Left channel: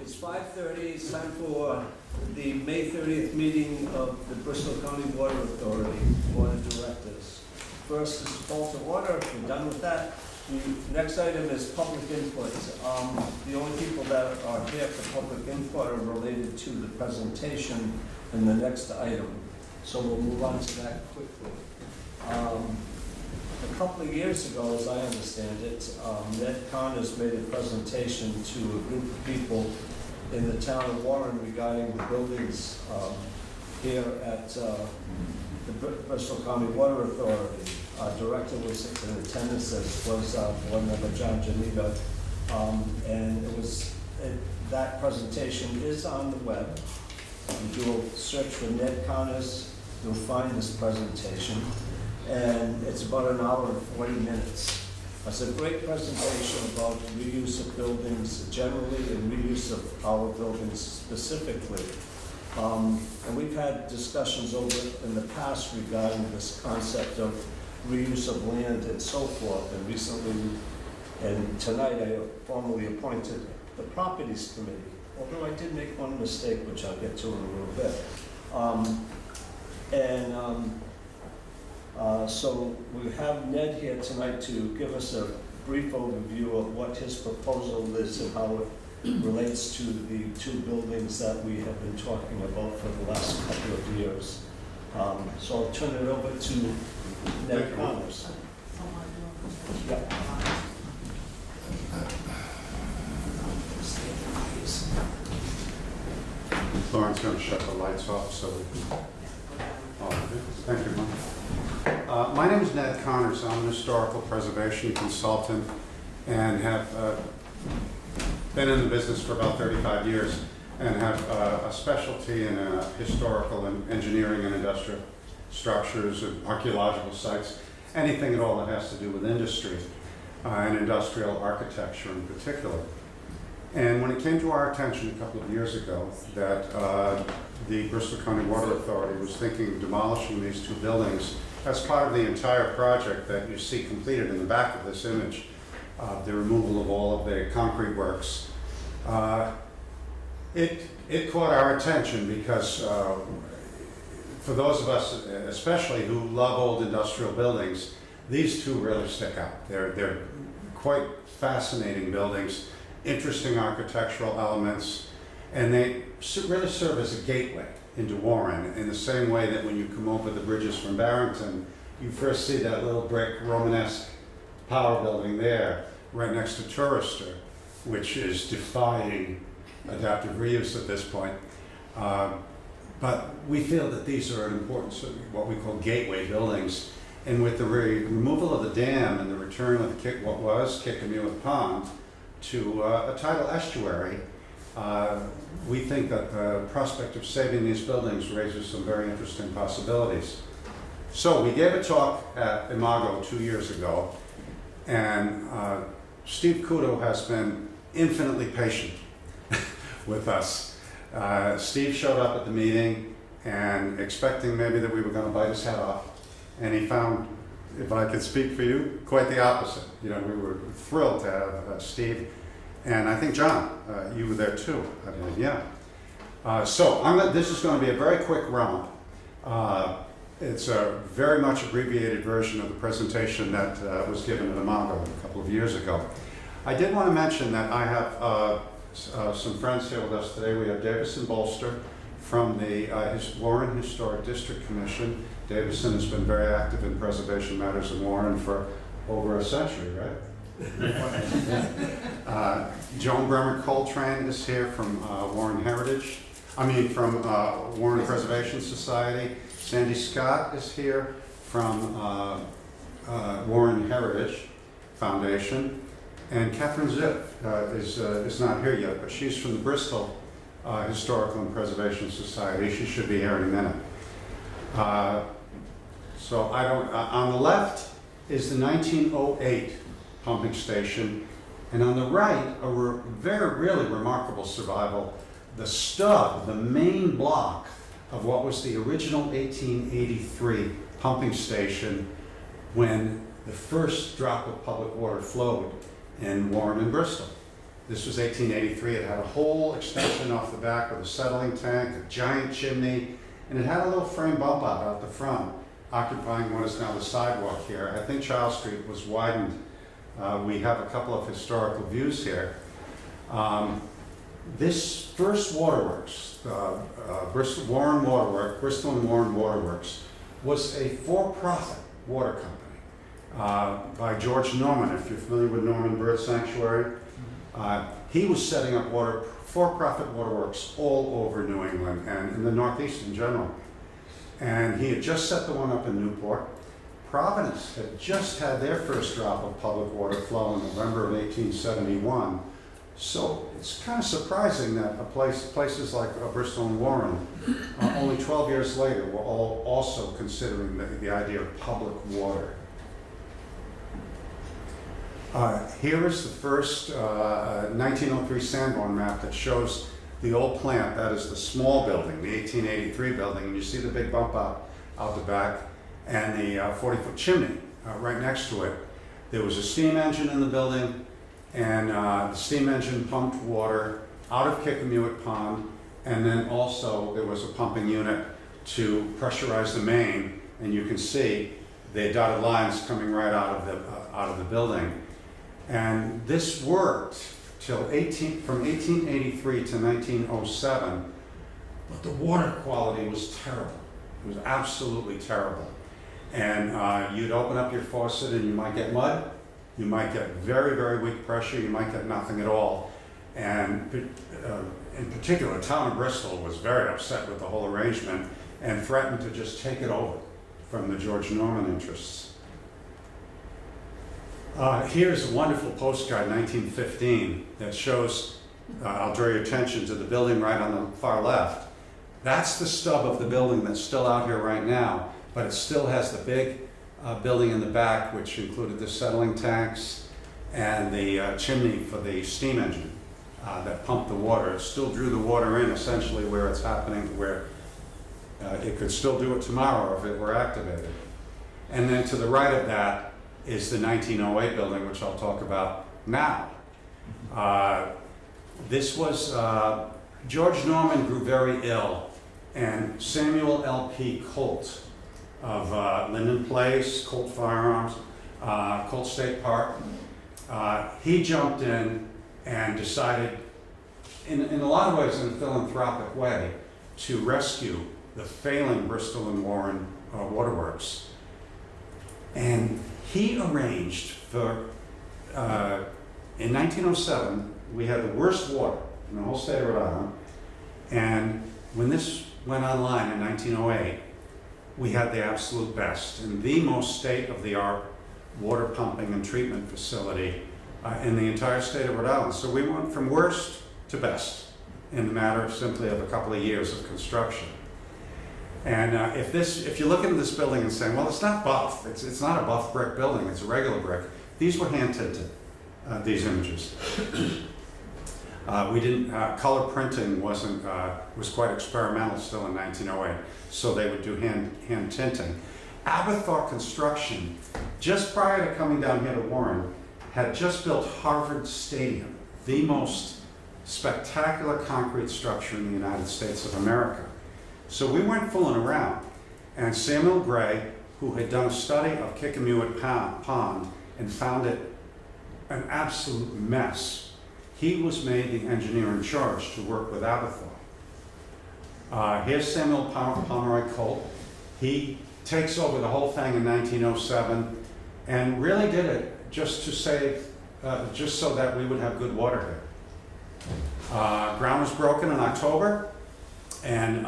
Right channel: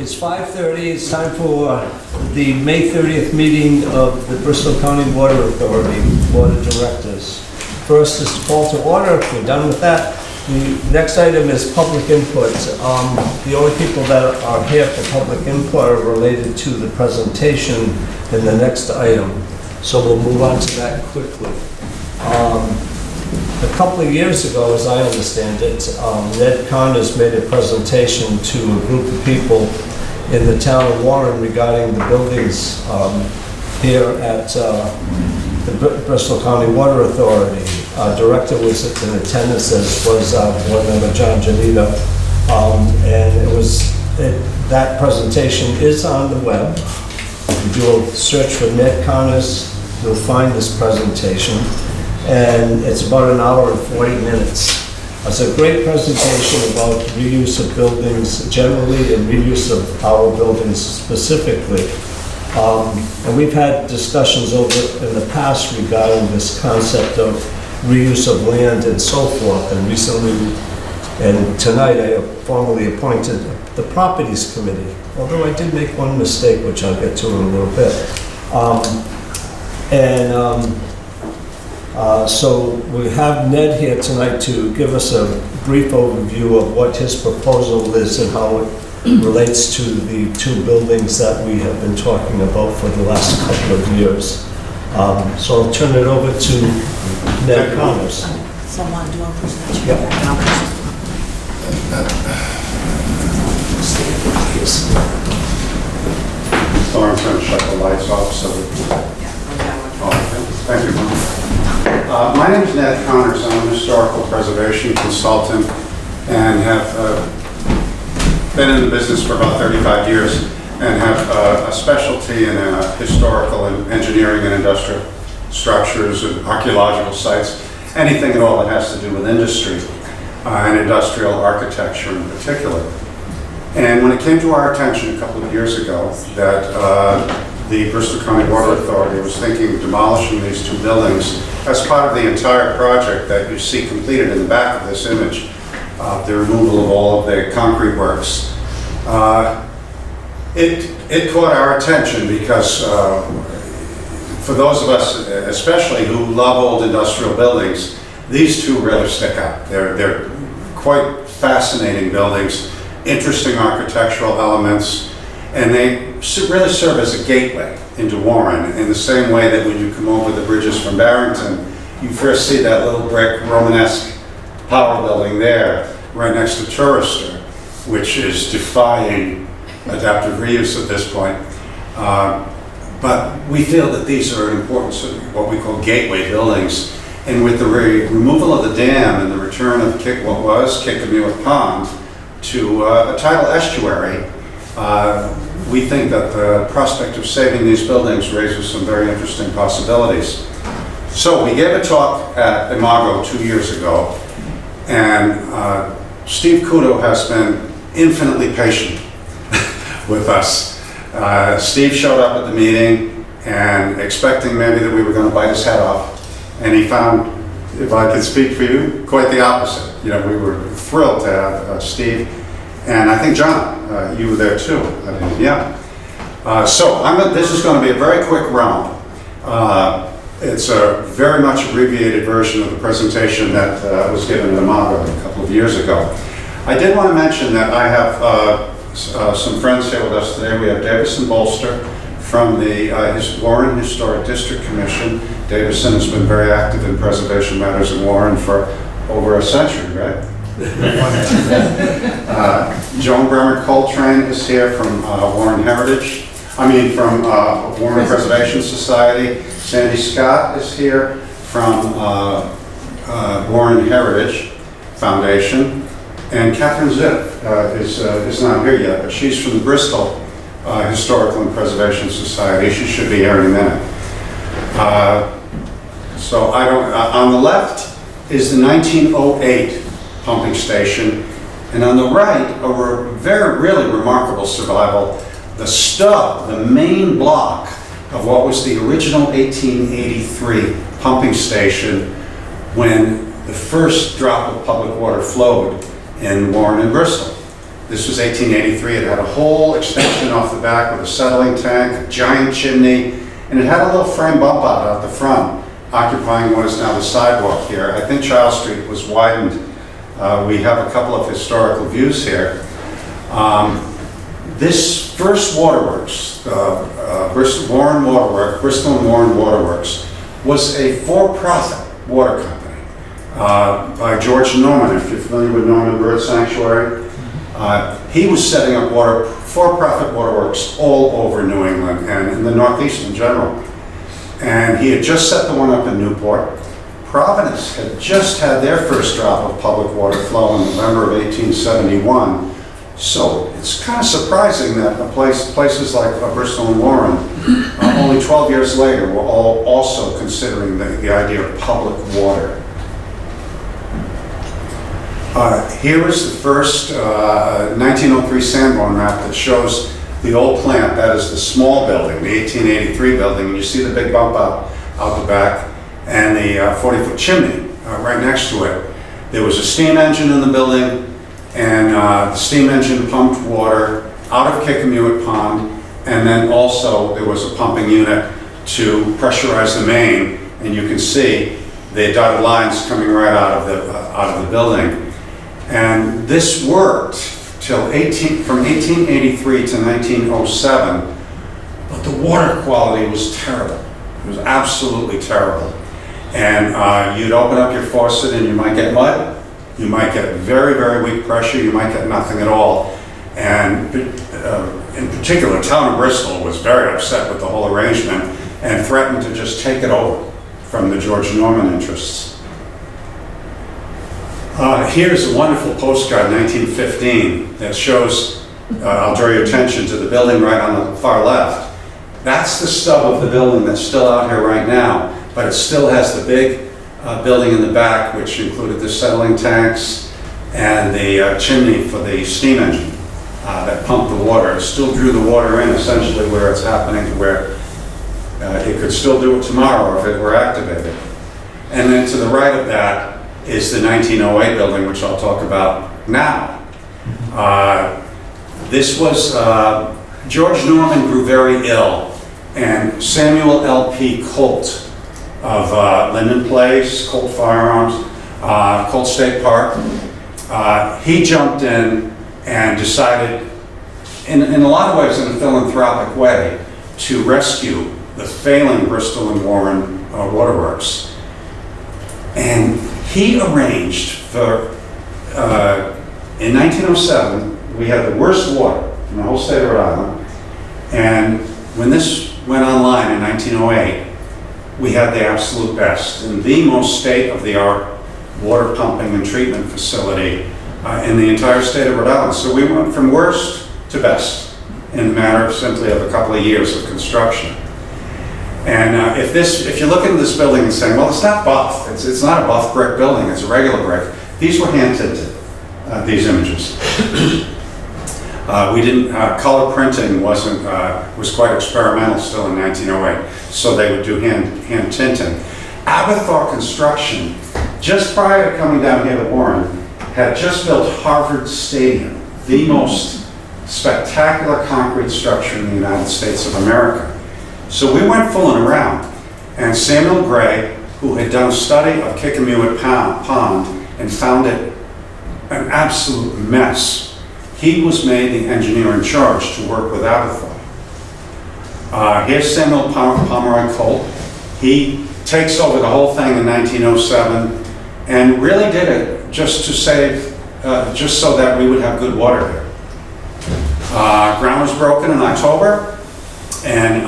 It's 5:30, it's time for the May 30th meeting of the Bristol County Water Authority Board of Directors. First is call to order. If we're done with that, the next item is public input. The only people that are here for public input are related to the presentation in the next item. So we'll move on to that quickly. A couple of years ago, as I understand it, Ned Connors made a presentation to a group of people in the town of Warren regarding the buildings here at the Bristol County Water Authority. Our director was in attendance, as was board member John Janito, and that presentation is on the web. If you do a search for Ned Connors, you'll find this presentation. And it's about an hour and 40 minutes. It's a great presentation about reuse of buildings generally and reuse of our buildings specifically. And we've had discussions over in the past regarding this concept of reuse of land and so forth. And recently, and tonight, I formally appointed the Properties Committee, although I did make one mistake, which I'll get to in a little bit. So we have Ned here tonight to give us a brief overview of what his proposal is and how it relates to the two buildings that we have been talking about for the last couple of years. So I'll turn it over to Ned Connors. Someone do a presentation. Yep. So I'm going to shut the lights off so that... Thank you, Mom. My name is Ned Connors. I'm an historical preservation consultant and have been in the business for about 35 years and have a specialty in historical and engineering and industrial structures and archaeological sites, anything at all that has to do with industry and industrial architecture in particular. And when it came to our attention a couple of years ago that the Bristol County Water Authority was thinking of demolishing these two buildings as part of the entire project that you see completed in the back of this image, the removal of all of the concrete works. It caught our attention because for those of us, especially who love old industrial buildings, these two really stick out. They're quite fascinating buildings, interesting architectural elements, and they really serve as a gateway into Warren in the same way that when you come over the bridges from Barrington, you first see that little brick Romanesque power building there right next to Tourister, which is defying adaptive reuse at this point. But we feel that these are important, what we call gateway buildings. And with the removal of the dam and the return of what was Kickamuit Pond to a tidal estuary, we think that the prospect of saving these buildings raises some very interesting possibilities. So we gave a talk at Imago 2 years ago, and Steve Kudo has been infinitely patient with us. Steve showed up at the meeting and expecting maybe that we were going to bite his head off, and he found, if I could speak for you, quite the opposite. You know, we were thrilled to have Steve. And I think, John, you were there too. Yeah. So this is going to be a very quick round. It's a very much abbreviated version of the presentation that was given at Imago a couple of years ago. I did want to mention that I have some friends here with us today. We have Davison Bolster from the Warren Historic District Commission. Davison has been very active in preservation matters in Warren for over a century, right? Joan Bremer Coltrane is here from Warren Preservation Society. Sandy Scott is here from Warren Heritage Foundation. And Catherine Ziff is not here yet, but she's from the Bristol Historical and Preservation Society. She should be here in a minute. On the left is the 1908 pumping station, and on the right, really remarkable survival, the stub, the main block of what was the original 1883 pumping station when the first drop of public water flowed in Warren and Bristol. This was 1883. It had a whole extension off the back with a settling tank, a giant chimney, and it had a little frame bump out the front, occupying what is now the sidewalk here. I think Charles Street was widened. We have a couple of historical views here. This first waterworks, Bristol and Warren Waterworks, was a for-profit water company by George Norman, if you're familiar with Norman Bird Sanctuary. He was setting up for-profit waterworks all over New England and in the Northeast in general. And he had just set the one up in Newport. Providence had just had their first drop of public water flow in November of 1871. So it's kind of surprising that places like Bristol and Warren, only 12 years later, were all also considering the idea of public water. Here is the first 1903 Sanborn map that shows the old plant, that is the small building, the 1883 building, and you see the big bump out the back and the 40-foot chimney right next to it. There was a steam engine in the building, and the steam engine pumped water out of Kickamuit Pond, and then also there was a pumping unit to pressurize the main, and you can see the dotted lines coming right out of the building. And this worked from 1883 to 1907, but the water quality was terrible. It was absolutely terrible. And you'd open up your faucet and you might get mud. You might get very, very weak pressure. You might get nothing at all. And in particular, the town of Bristol was very upset with the whole arrangement and threatened to just take it over from the George Norman interests. Here's a wonderful postcard, 1915, that shows, I'll draw your attention to the building right on the far left. That's the stub of the building that's still out here right now, but it still has the big building in the back, which included the settling tanks and the chimney for the steam engine that pumped the water. It still drew the water in essentially where it's happening, to where it could still do it tomorrow if it were activated. And then to the right of that is the 1908 building, which I'll talk about now. This was, George Norman grew very ill, and Samuel L.P. Colt of Linden Place, Colt Firearms, Colt State Park, he jumped in and decided, in a lot of ways in a philanthropic way, to rescue the failing Bristol and Warren waterworks. And he arranged for, in 1907, we had the worst water in the whole state of Rhode Island, and when this went online in 1908, we had the absolute best and the most state-of-the-art water pumping and treatment facility in the entire state of Rhode Island. So we went from worst to best in the matter simply of a couple of years of construction. And if you look into this building and saying, well, it's not buff, it's not a buff brick building, it's a regular brick. These were hand tinted, these images. We didn't, color printing was quite experimental still in 1908, so they would do hand tinting. Aberthaw Construction, just prior to coming down here to Warren, had just built Harvard Stadium, the most spectacular concrete structure in the United States of America. So we went fooling around, and Samuel Gray, who had done a study of Kickamuit Pond and found it an absolute mess, he was made the engineer in charge to work with Aberthaw. Here's Samuel Pomeroy Colt. He takes over the whole thing in 1907 and really did it just to save, just so that we would have good water here. Ground was broken in October, and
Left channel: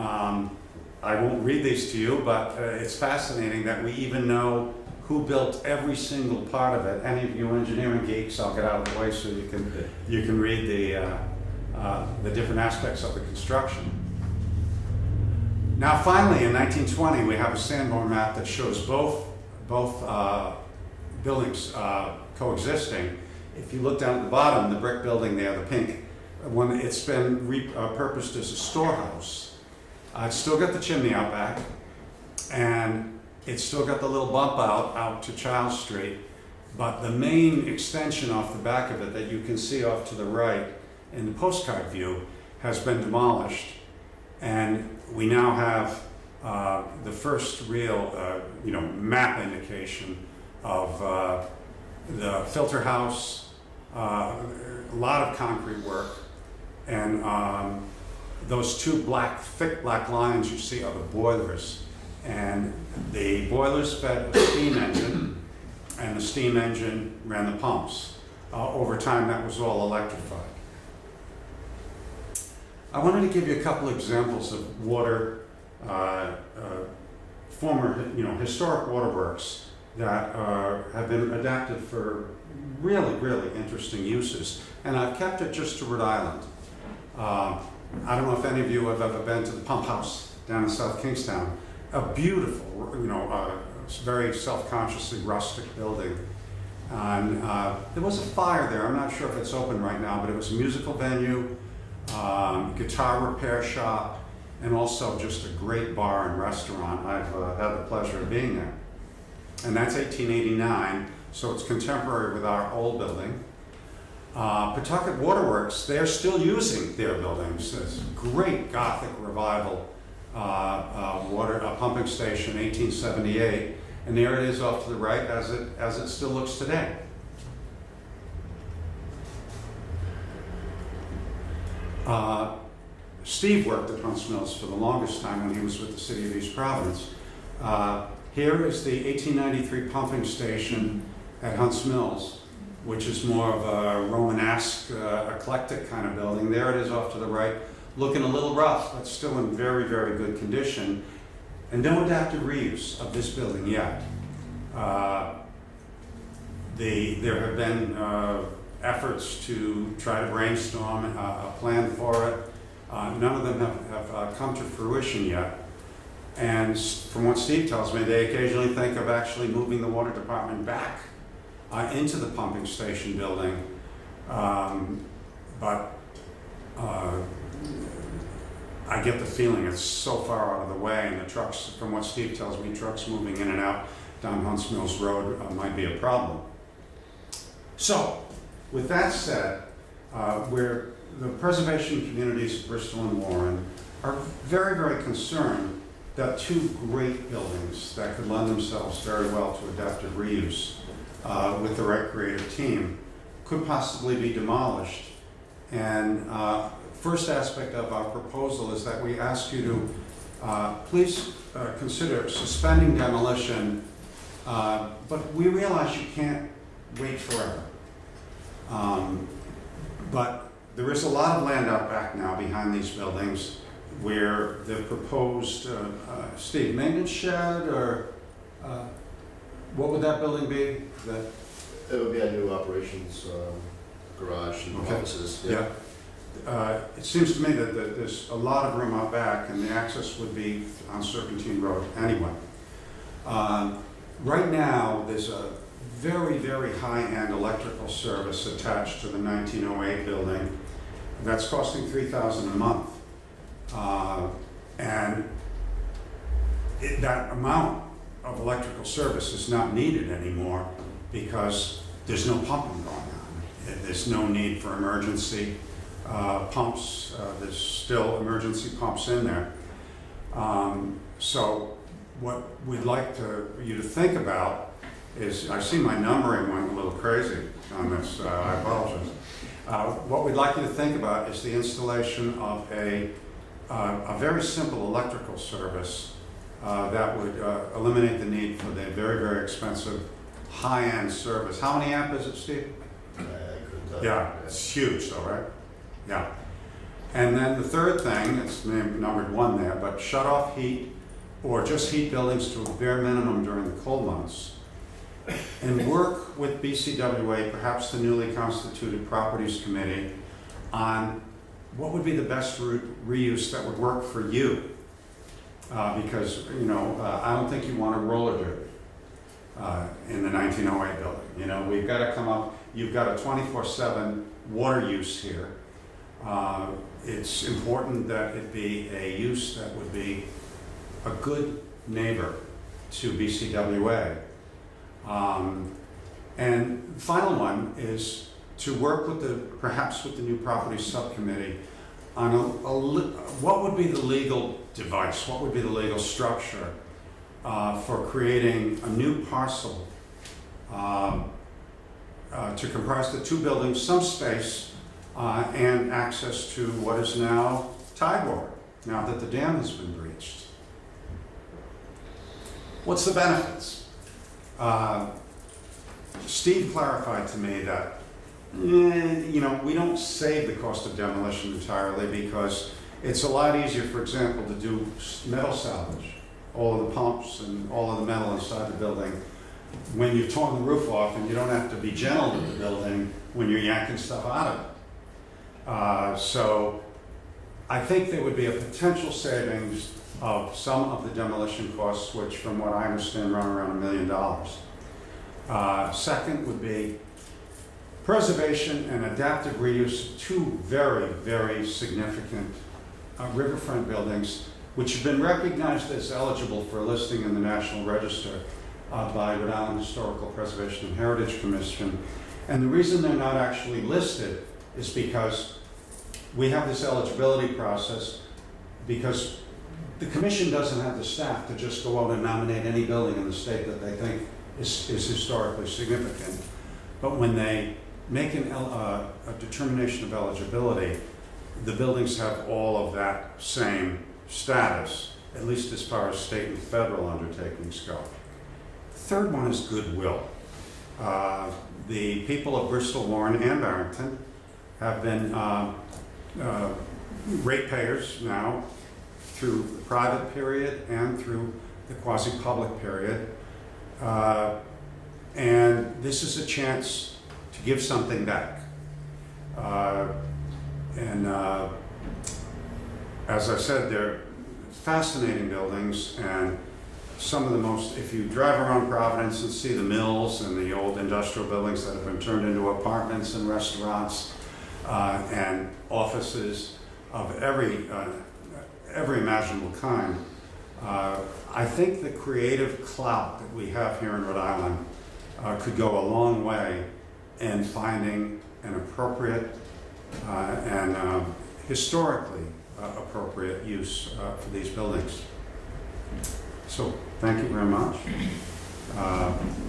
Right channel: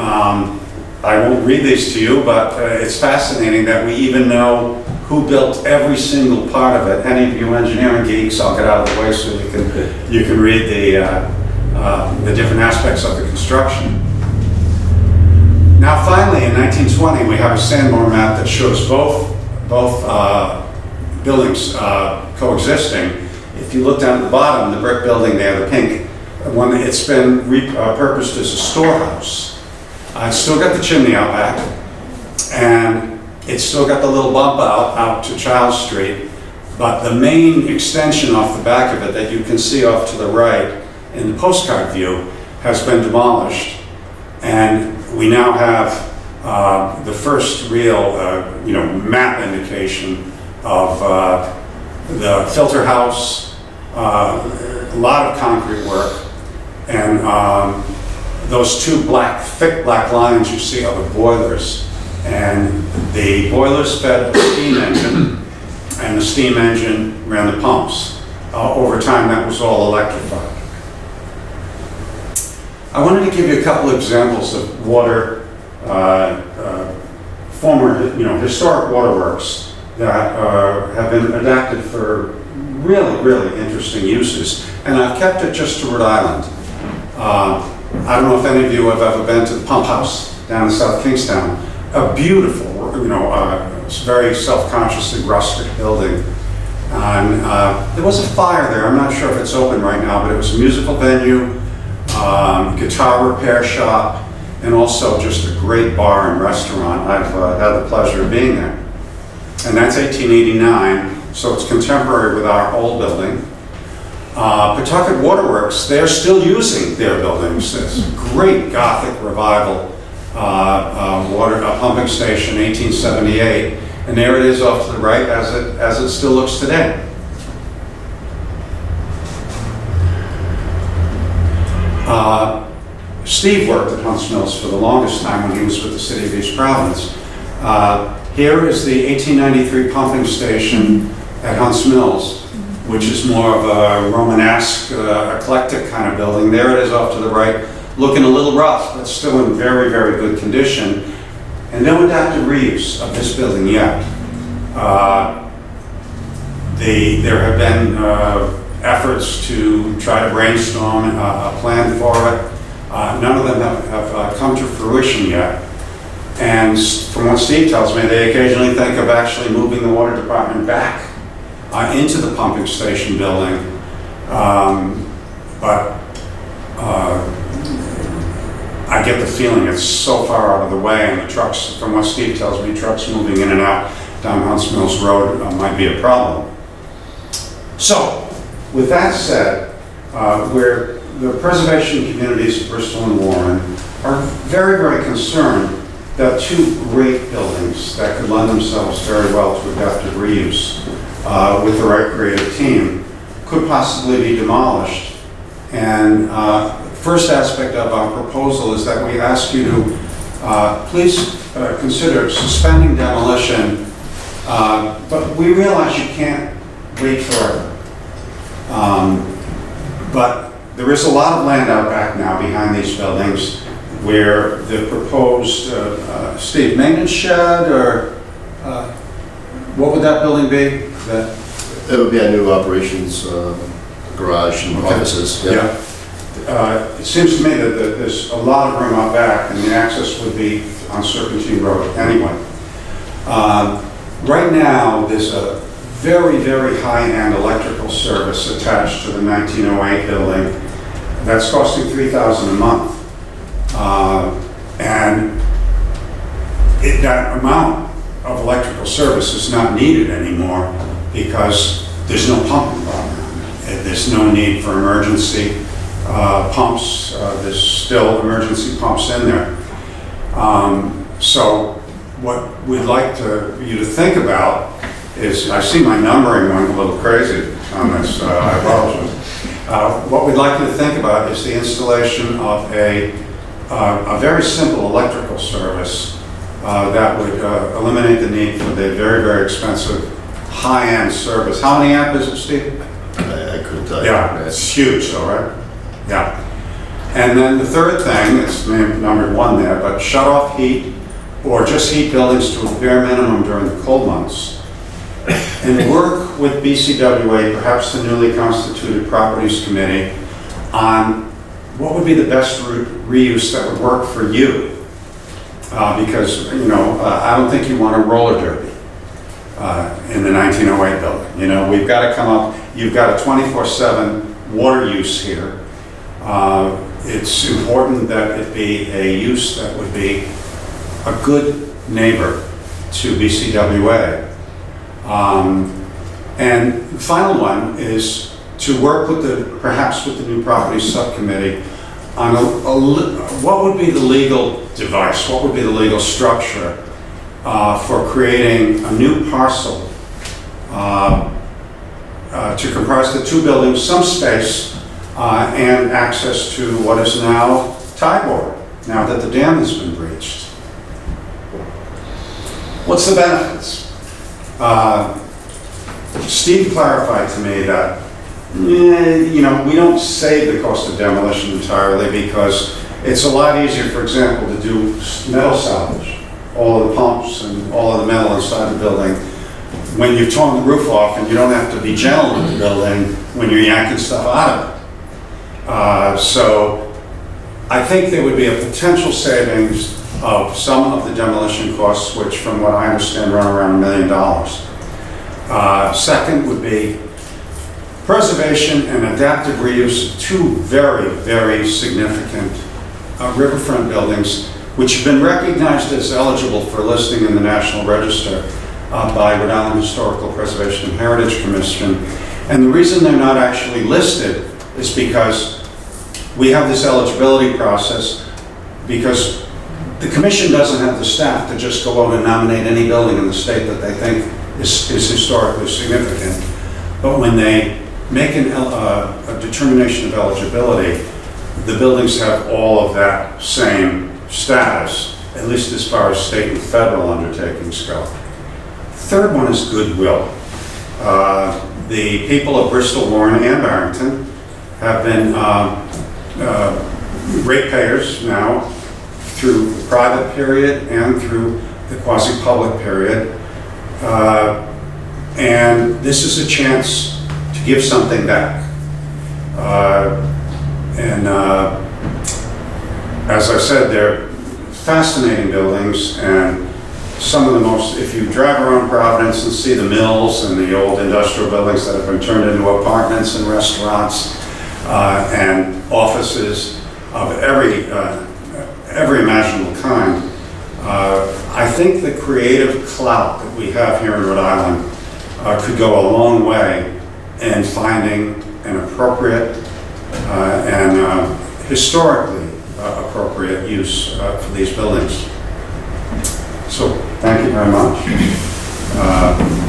I won't read these to you, but it's fascinating that we even know who built every single part of it. Any of you engineering geeks, I'll get out of the way so you can read the different aspects of the construction. Now finally, in 1920, we have a Sanborn map that shows both buildings coexisting. If you look down at the bottom, the brick building there, the pink one, it's been repurposed as a storehouse. It's still got the chimney out back, and it's still got the little bump out to Charles Street, But the main extention off the back of it that you can see off to the right in the postcard view has been demolished. And we now have the first real, map indication of the filter house, a lot of concrete work, and those two thick black lines you see are the boilers. And the boilers fed a steam engine, and the steam engine ran the pumps. Over time, that was all electrified. I wanted to give you a couple of examples of former, historic waterworks that have been adapted for really, really interesting uses. And I've kept it just to Rhode Island. I don't know if any of you have ever been to the pump house down in South Kingstown. A beautiful, very self-consciously rustic building. And there was a fire there. I'm not sure if it's open right now, but it was a musical venue, guitar repair shop, and also just a great bar and restaurant. I've had the pleasure of being there. And that's 1889, so it's contemporary with our old building. Pawtucket Waterworks, they're still using their buildings. It's a great Gothic revival pumping station, 1878. And there it is off to the right as it still looks today. Steve worked at Hunts Mills for the longest time when he was with the City of East Providence. Here is the 1893 pumping station at Hunts Mills, which is more of a Romanesque, eclectic kind of building. There it is off to the right, looking a little rough, but still in very, very good condition. And no adaptive reuse of this building yet. There have been efforts to try to brainstorm a plan for it. None of them have come to fruition yet. And from what Steve tells me, they occasionally think of actually moving the water department back into the pumping station building. But I get the feeling it's so far out of the way, and the trucks, from what Steve tells me, trucks moving in and out down Hunts Mills Road might be a problem. So, with that said, the preservation communities of Bristol and Warren are very, very concerned that two great buildings that could lend themselves very well to adaptive reuse with the right creative team could possibly be demolished. And first aspect of our proposal is that we ask you to please consider suspending demolition, but we realize you can't wait forever. But there is a lot of land out back now behind these buildings where the proposed, Steve, maintenance shed, or what would that building be? It would be a new operations garage and offices. Yeah. It seems to me that there's a lot of room out back, and the access would be on Serpentine Road anyway. Right now, there's a very, very high-end electrical service attached to the 1908 building that's costing $3,000 a month. And that amount of electrical service is not needed anymore because there's no pumping going on. There's no need for emergency pumps. There's still emergency pumps in there. So what we'd like you to think about is, I see my numbering went a little crazy on this, I apologize. What we'd like you to think about is the installation of a very simple electrical service that would eliminate the need for the very, very expensive high-end service. How many amp is it, Steve? I couldn't tell you. Yeah, it's huge though, right? Yeah. And then the third thing, it's numbered 1 there, but shut off heat or just heat buildings to a bare minimum during the cold months. And work with BCWA, perhaps the newly constituted Properties Committee, on what would be the best reuse that would work for you. Because, I don't think you want a roller derby in the 1908 building. We've got to come up, you've got a 24/7 water use here. It's important that it be a use that would be a good neighbor to BCWA. And the final one is to work with perhaps with the new property subcommittee on what would be the legal device, what would be the legal structure for creating a new parcel to comprise the two buildings, some space, and access to what is now Tybor, now that the dam has been breached. What's the benefits? Steve clarified to me that, we don't save the cost of demolition entirely because it's a lot easier, for example, to do metal salvage, all of the pumps and all of the metal inside the building, when you've torn the roof off and you don't have to be gentle with the building when you're yanking stuff out of it. So I think there would be a potential savings of some of the demolition costs, which from what I understand run around $1 million. Second would be preservation and adaptive reuse of two very, very significant riverfront buildings, which have been recognized as eligible for listing in the National Register by Rhode Island Historical Preservation and Heritage Commission. And the reason they're not actually listed is because we have this eligibility process because the commission doesn't have the staff to just go out and nominate any building in the state that they think is historically significant. But when they make a determination of eligibility, the buildings have all of that same status, at least as far as state and federal undertakings go. Third one is goodwill. The people of Bristol, Warren, and Barrington have been ratepayers now through the private period and through the quasi-public period. And this is a chance to give something back. As I said, they're fascinating buildings, and some of the most, if you drive around Providence and see the mills and the old industrial buildings that have been turned into apartments and restaurants and offices of every imaginable kind, I think the creative clout that we have here in Rhode Island could go a long way in finding an appropriate and historically appropriate use for these buildings. So thank you very much.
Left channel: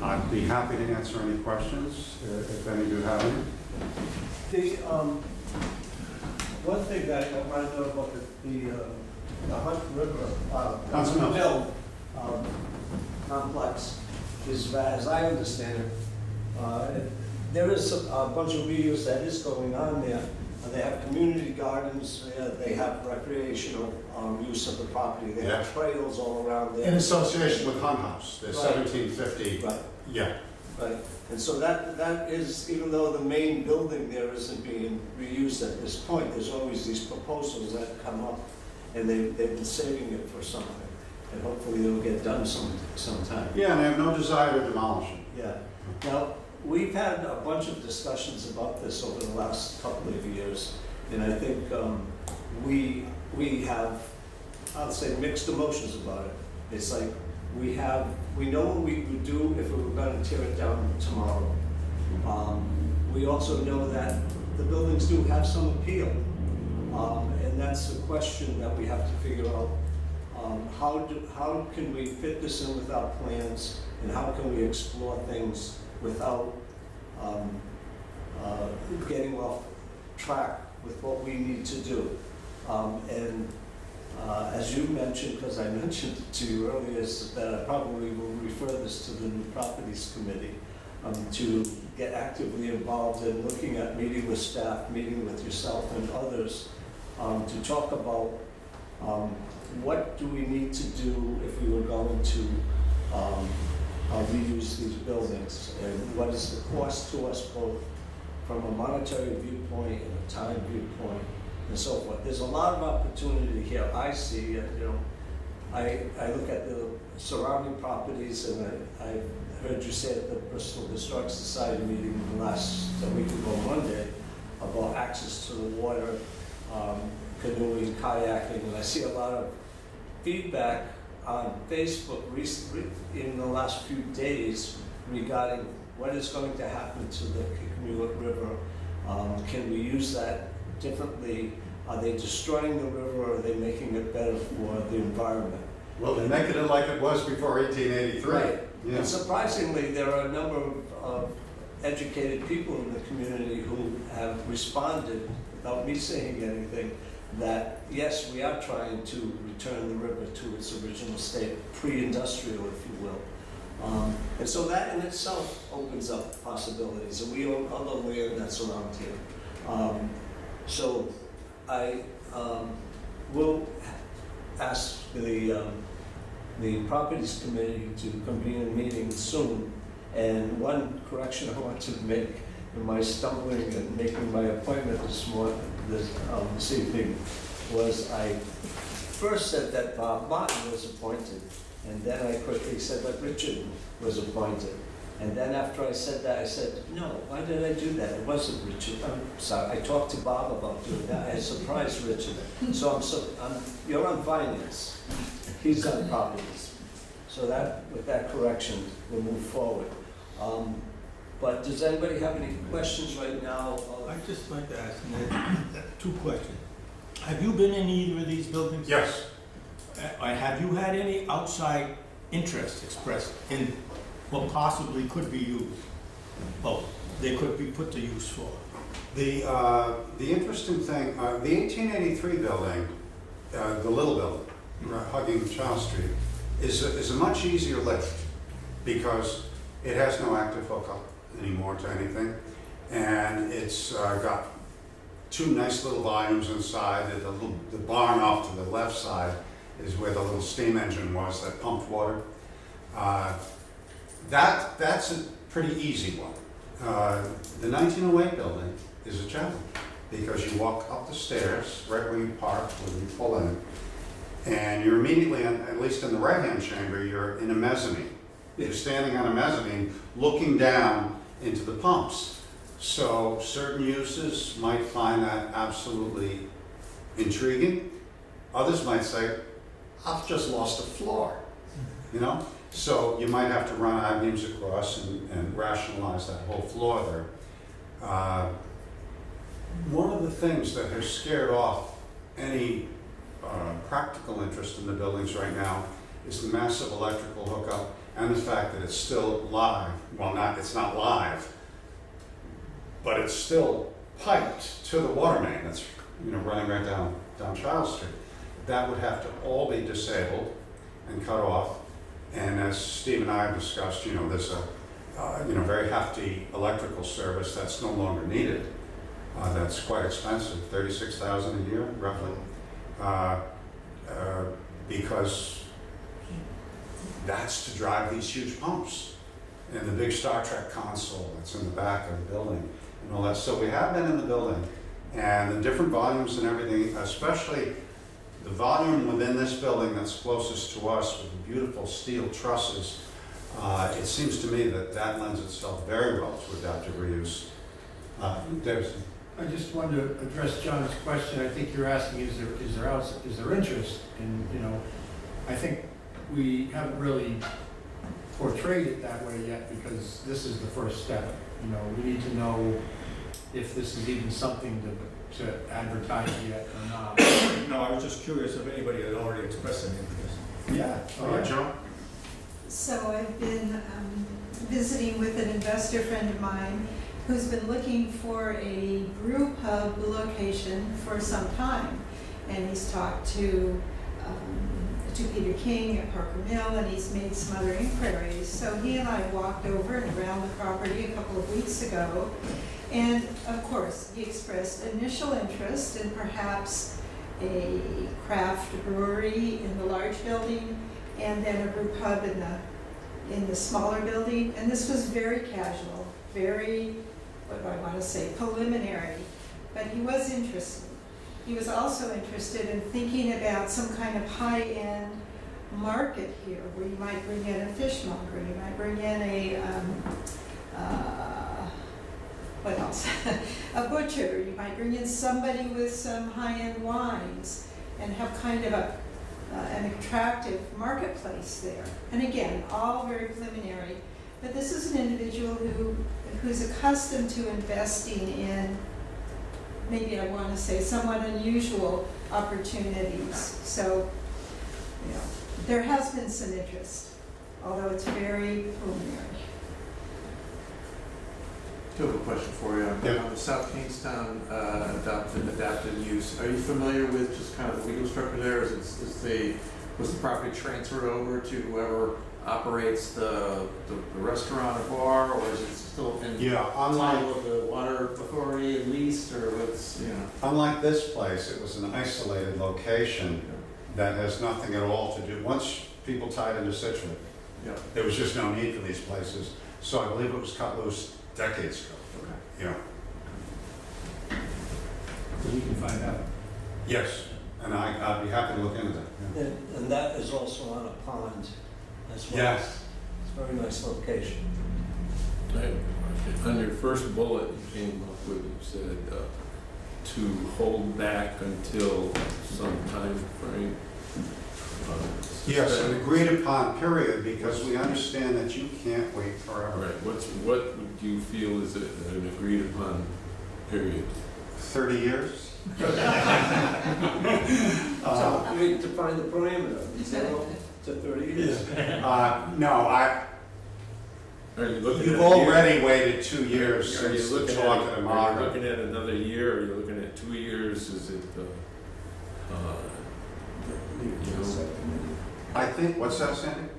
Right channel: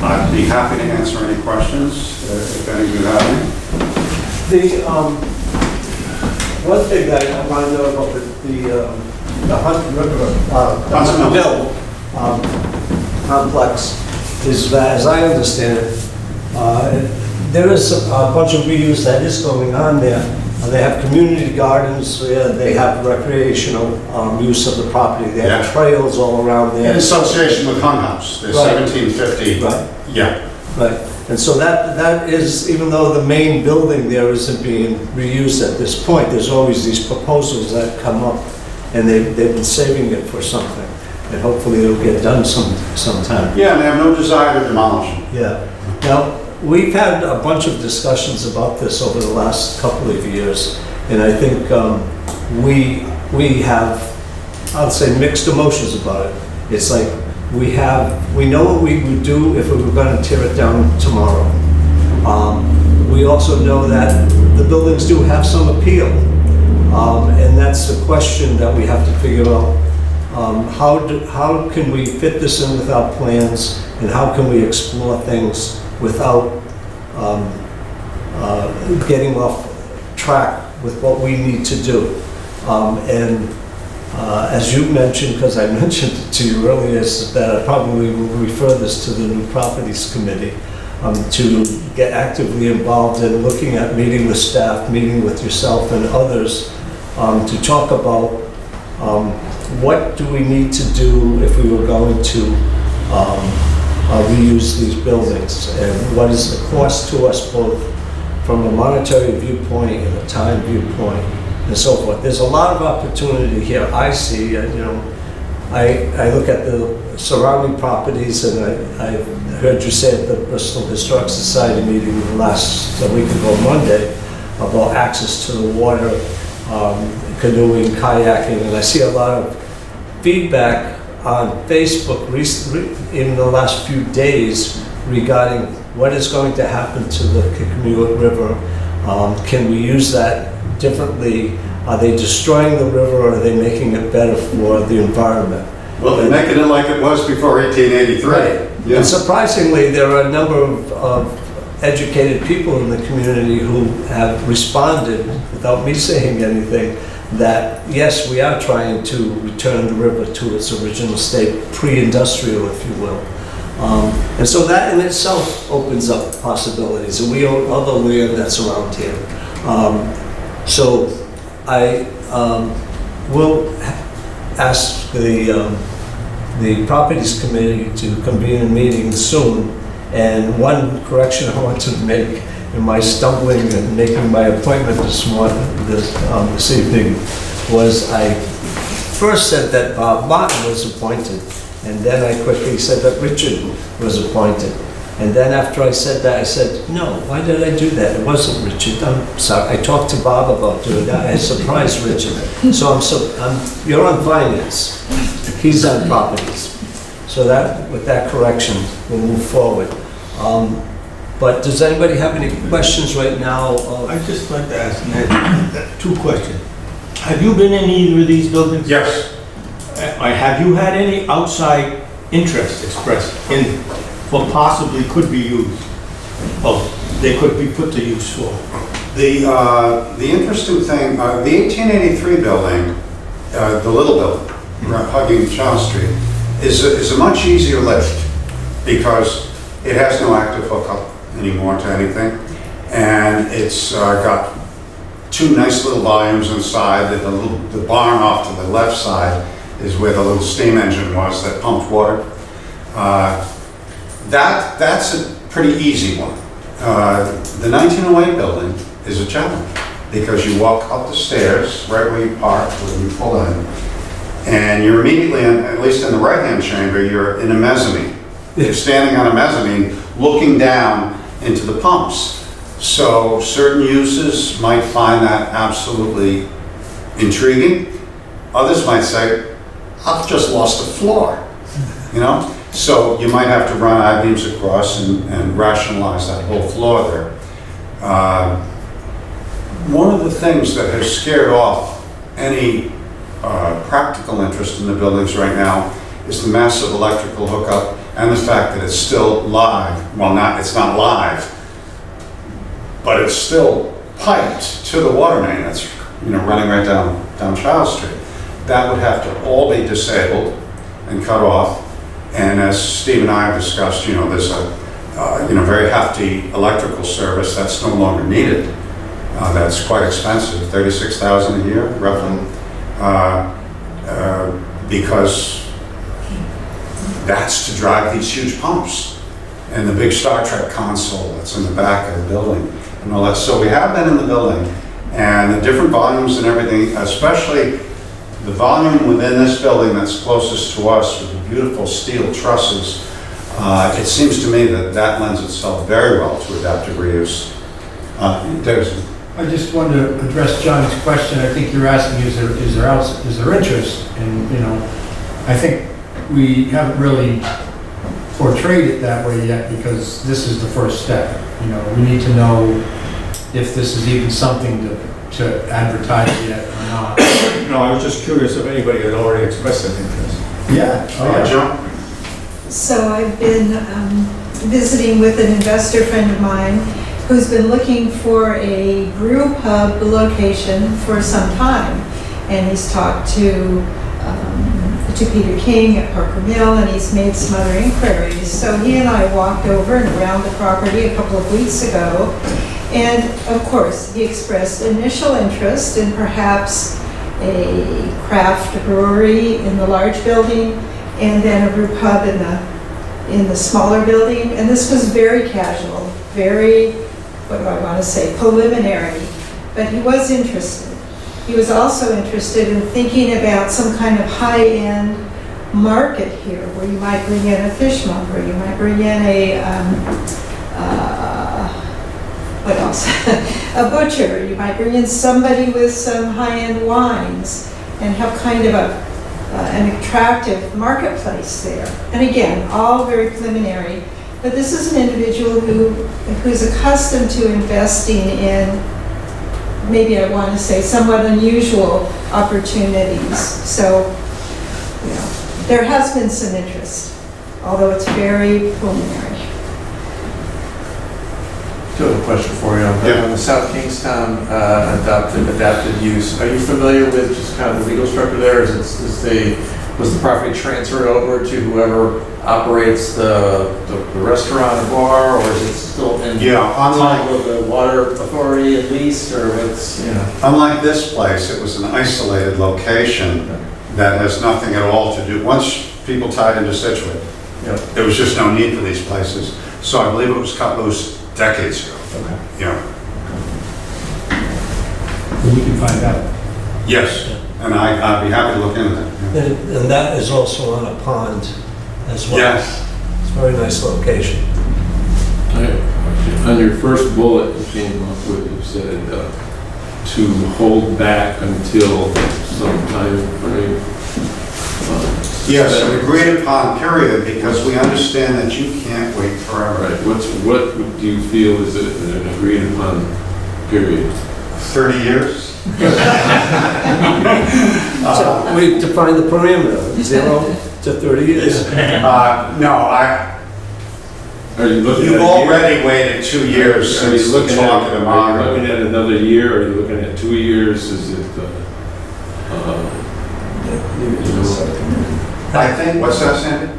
I'd be happy to answer any questions if any of you have any. The one thing that I want to know about the Hunt River, Huntsville. Mill complex is that, as I understand it, there is a bunch of reuse that is going on there. They have community gardens, they have recreational use of the property, they have Yeah. trails all around there. In association with Hun House, the Right. 1750. Right. Yeah. Right, and so that is, even though the main building there isn't being reused at this point, there's always these proposals that come up, and they've been saving it for something, and hopefully it'll get done sometime. Yeah, and they have no desire to demolish them. Yeah. Now, we've had a bunch of discussions about this over the last couple of years, and I think we have, I'll say, mixed emotions about it. It's like we know what we would do if we were going to tear it down tomorrow. We also know that the buildings do have some appeal, and that's the question that we have to figure out. How can we fit this in with our plans, and how can we explore things without getting off track with what we need to do? As you mentioned, because I mentioned it to you earlier, is that I probably will refer this to the New Properties Committee to get actively involved in looking at meeting with staff, meeting with yourself and others to talk about what do we need to do if we were going to reuse these buildings, and what is the cost to us both from a monetary viewpoint and a time viewpoint and so forth. There's a lot of opportunity here. I see, I look at the surrounding properties, and I heard you say at the Bristol Historic Society meeting last week ago, Monday, about access to the water, canoeing, kayaking, and I see a lot of feedback on Facebook in the last few days regarding what is going to happen to the Kickamuit River. Can we use that differently? Are they destroying the river, or are they making it better for the environment? Well, they're making it like it was before 1883. Right. Yeah. And surprisingly, there are a number of educated people in the community who have responded, without me saying anything, that yes, we are trying to return the river to its original state, pre-industrial, if you will. And so that in itself opens up possibilities, and we own other land that's around here. So I will ask the Properties Committee to convene a meeting soon. And one correction I want to make in my stumbling and making my appointment this evening was I first said that Bob Martin was appointed, and then I quickly said that Richard was appointed. And then after I said that, I said, no, why did I do that? It wasn't Richard. I'm sorry. I talked to Bob about doing that. I surprised Richard. So you're on finance. He's on properties. So that, with that correction, we'll move forward. But does anybody have any questions right now? I'd just like to ask Ned two questions. Have you been in either of these buildings? Yes. Have you had any outside interest expressed in what possibly could be used? Oh, they could be put to use for? The interesting thing, the 1883 building, the little building, hugging Charles Street, is a much easier lift because it has no active hookup anymore to anything, and it's got two nice little volumes inside. The barn off to the left side is where the little steam engine was that pumped water. That's a pretty easy one. The 1908 building is a challenge because you walk up the stairs right where you park, when you pull in, and you're immediately, at least in the right-hand chamber, you're in a mezzanine. You're standing on a mezzanine looking down into the pumps. So certain users might find that absolutely intriguing. Others might say, I've just lost a floor, you know? So you might have to run I-beams across and rationalize that whole floor there. One of the things that has scared off any practical interest in the buildings right now is the massive electrical hookup and the fact that it's still live. Well, it's not live, but it's still piped to the water main that's running right down Charles Street. That would have to all be disabled and cut off. And as Steve and I have discussed, there's a very hefty electrical service that's no longer needed. That's quite expensive, $36,000 a year, roughly, because that's to drive these huge pumps and the big Star Trek console that's in the back of the building and all that. So we have been in the building, and the different volumes and everything, especially the volume within this building that's closest to us with the beautiful steel trusses, it seems to me that lends itself very well to adaptive reuse. I just wanted to address John's question. I think you're asking, is there interest? And, I think we haven't really portrayed it that way yet because this is the first step. We need to know if this is even something to advertise yet or not. No, I was just curious if anybody had already expressed an interest. Yeah. John? So I've been visiting with an investor friend of mine who's been looking for a brew pub location for some time. And he's talked to Peter King at Parker Mill, and he's made some other inquiries. So he and I walked over and around the property a couple of weeks ago. And of course, he expressed initial interest in perhaps a craft brewery in the large building and then a brew pub in the smaller building. And this was very casual, very, what do I want to say, preliminary, but he was interested. He was also interested in thinking about some kind of high-end market here where you might bring in a fishmonger, you might bring in what else? A butcher, you might bring in somebody with some high-end wines and have kind of an attractive marketplace there. And again, all very preliminary. But this is an individual who's accustomed to investing in, maybe I want to say, somewhat unusual opportunities. So, you know, there has been some interest, although it's very preliminary. I do have a question for you. Yeah. On the South Kingstown adapted use, are you familiar with just kind of the legal structure there? Was the property transferred over to whoever operates the restaurant or bar, or is it still in time with the water authority at least, or what's, you know? Unlike this place, it was an isolated location that has nothing at all to do. Once people tied into Situate, Yep. there was just no need for these places. So I believe it was cut loose decades ago. Okay. Yeah. We can find out. Yes, and I'd be happy to look into that. Yeah. And that is also on a pond as well. Yes. It's a very nice location. On your first bullet you came up with, you said to hold back until some time frame. Yes, an agreed upon period, because we understand that you can't wait forever. Right, what do you feel is an agreed upon period? 30 years? So we define the parameter, 0 to 30 years. No, Are you looking you've at a year? already waited 2 years Are you since looking talking to at, are you Margaret. looking at another year? Are you looking at 2 years? Is it, I think, what's that, Sandy?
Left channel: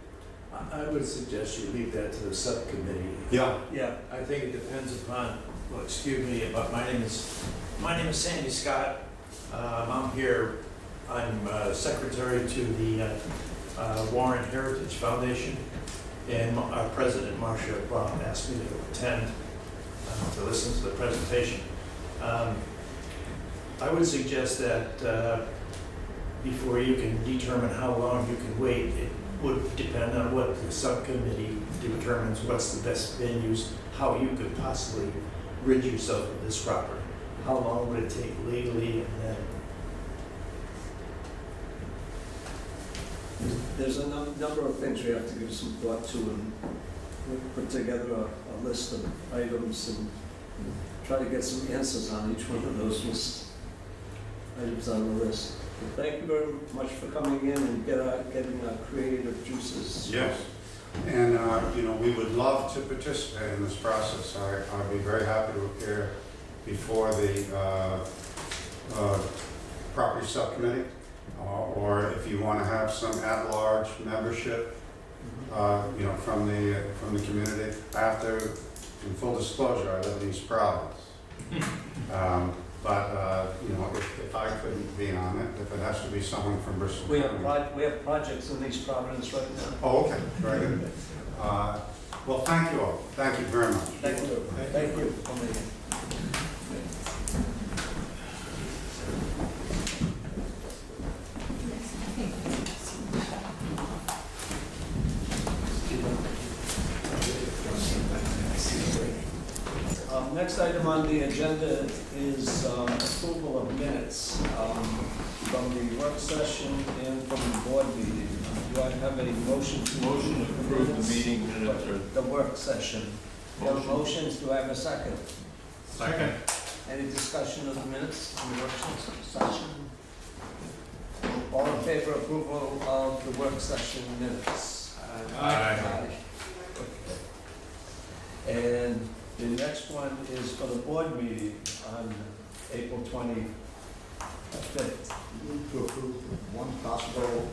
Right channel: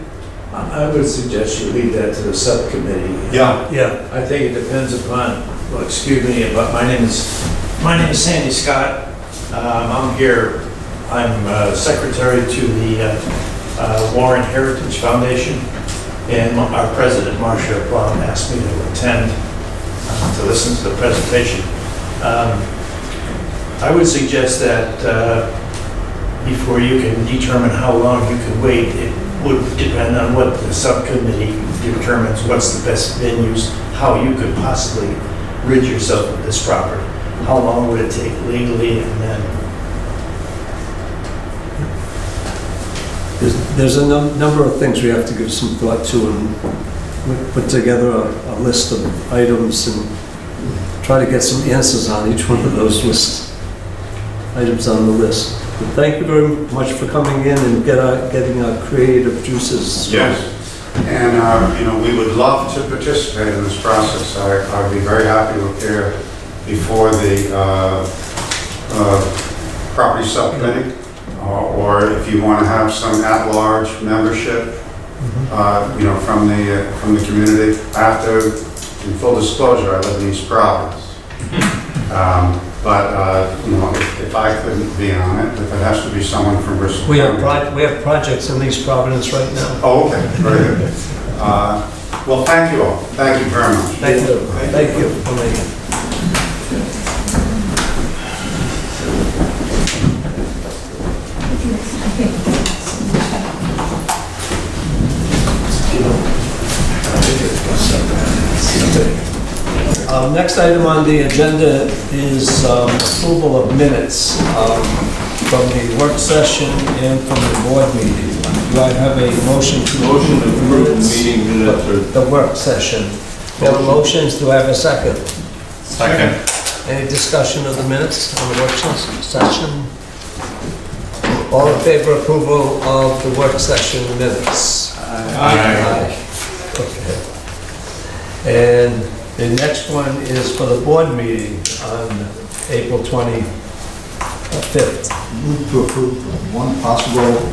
I would suggest you leave that to the subcommittee. Yeah. Yeah. I think it depends upon, well, excuse me, but my name is Sandy Scott. I'm here, I'm secretary to the Warren Heritage Foundation, and our president, Marcia Blum, asked me to attend to listen to the presentation. I would suggest that before you can determine how long you can wait, it would depend on what the subcommittee determines what's the best venues, how you could possibly rid yourself of this property. How long would it take legally, and then There's a number of things we have to give some thought to, and we put together a list of items and try to get some answers on each one of those items on the list. But thank you very much for coming in and getting our creative juices. Yes. And, we would love to participate in this process. I'd be very happy to appear before the property subcommittee, or if you want to have some at-large membership, from the community. I have to, in full disclosure, I live in East Providence. If I couldn't be on it, if it has to be someone from Bristol. We have projects in East Providence right now. Oh, okay, very good. Well, thank you all. Thank you very much. Thank you. Thank you for making. Next item on the agenda is approval of minutes from the work session and from the board meeting. Do I have a motion to motion to approve the minutes? meeting minutes or? The work session. We have motions, do I have a second? Second. Any discussion of the minutes on the work session? All in favor of approval of the work session minutes? Aye. Okay. And the next one is for the board meeting on April 25th. Move to approve one possible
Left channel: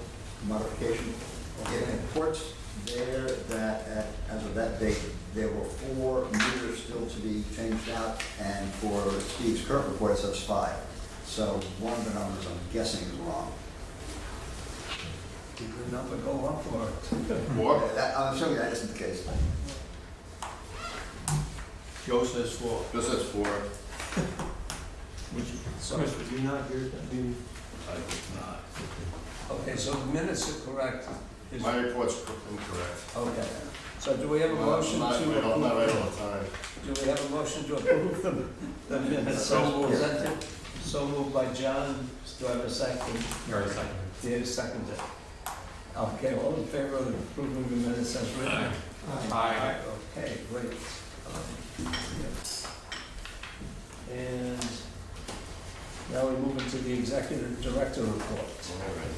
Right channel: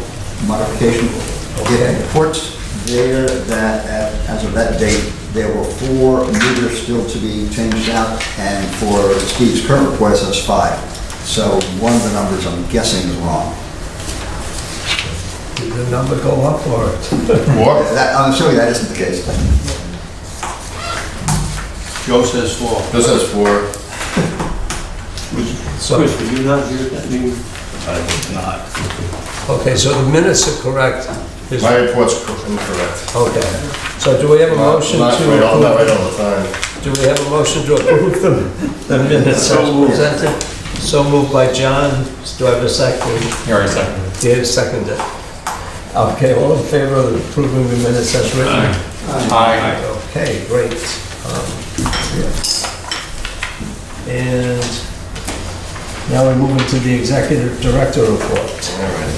modification. It reports there that as of that date, there were 4 meters still to be changed out, and for Steve's current request, that's 5. So one of the numbers, I'm guessing, is wrong. Did the number go up or? I'm assuming that isn't the case. Joe says 4. This is for, So, Chris, were you not here at that meeting? I would not. okay, so the minutes are correct. Is- my report's incorrect. Okay, so do we have a motion Not to right all the approve? time. Do we have a motion to approve the minutes as presented? So moved by John. Do I have a second? Here, I second. Dave seconded. Okay, all in favor of approving the minutes as written? Aye. Okay, great. And now we're moving to the executive director report. All right.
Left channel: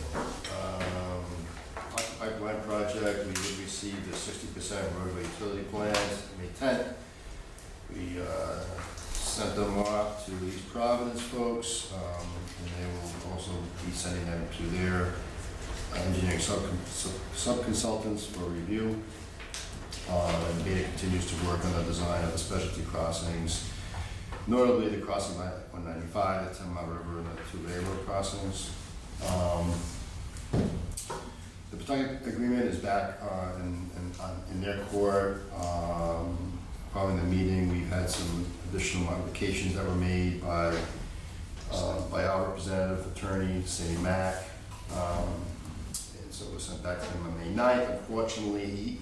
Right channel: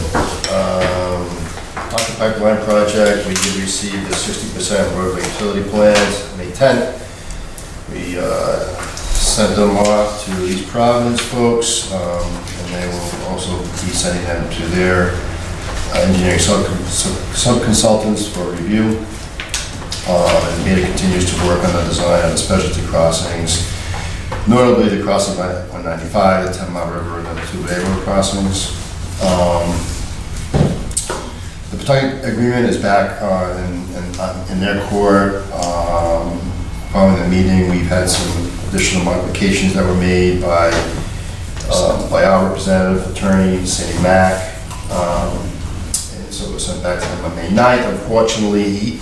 Occupy Pipeline Project, we did receive the 60% roadway utility plans May 10th. We sent them off to East Providence folks, and they will also be sending them to their engineering sub-consultants for review. And Beta continues to work on the design of the specialty crossings, notably the crossing by 195, the 10 Mile River, and the 2 Bay Road crossings. The Pawtucket agreement is back in their court. Following the meeting, we've had some additional modifications that were made by our representative attorney, Sandy Mack. And so it was sent back to him on May 9th. Unfortunately,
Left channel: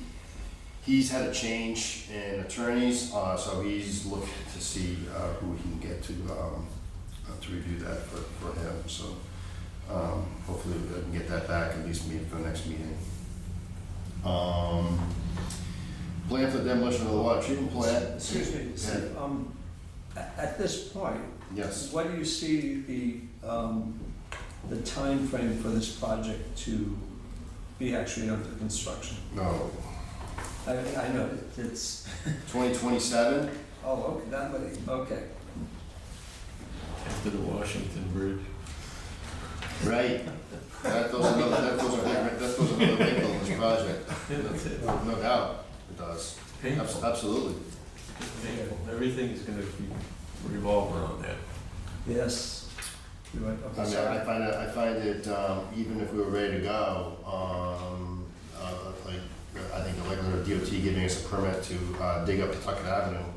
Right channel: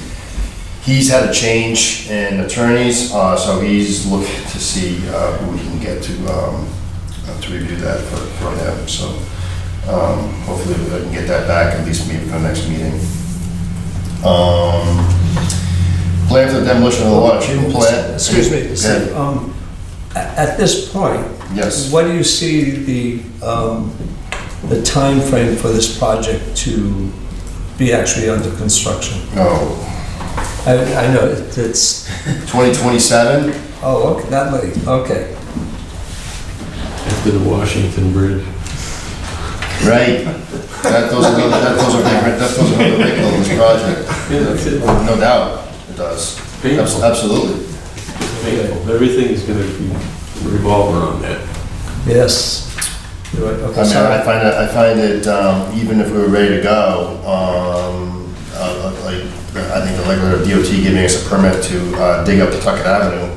he's had a change in attorneys, so he's looking to see who he can get to review that for him. So hopefully we can get that back at least maybe for the next meeting. Plan for the demolition of the water treatment plant. Excuse me, Steve, at this point, Yes. what do you see the time frame for this project to be actually under construction? No, I know it's, 2027. oh, okay, that late, okay. After the Washington Bridge. Right. That throws another big on this project. Yeah, that's it. No doubt, it does. Painful. Absolutely. Painful. Everything is gonna be revolving around that. Yes. You're right, okay, I mean, sorry. I find it, even if we were ready to go, like, I think the regular DOT giving us a permit to dig up Pawtucket Avenue,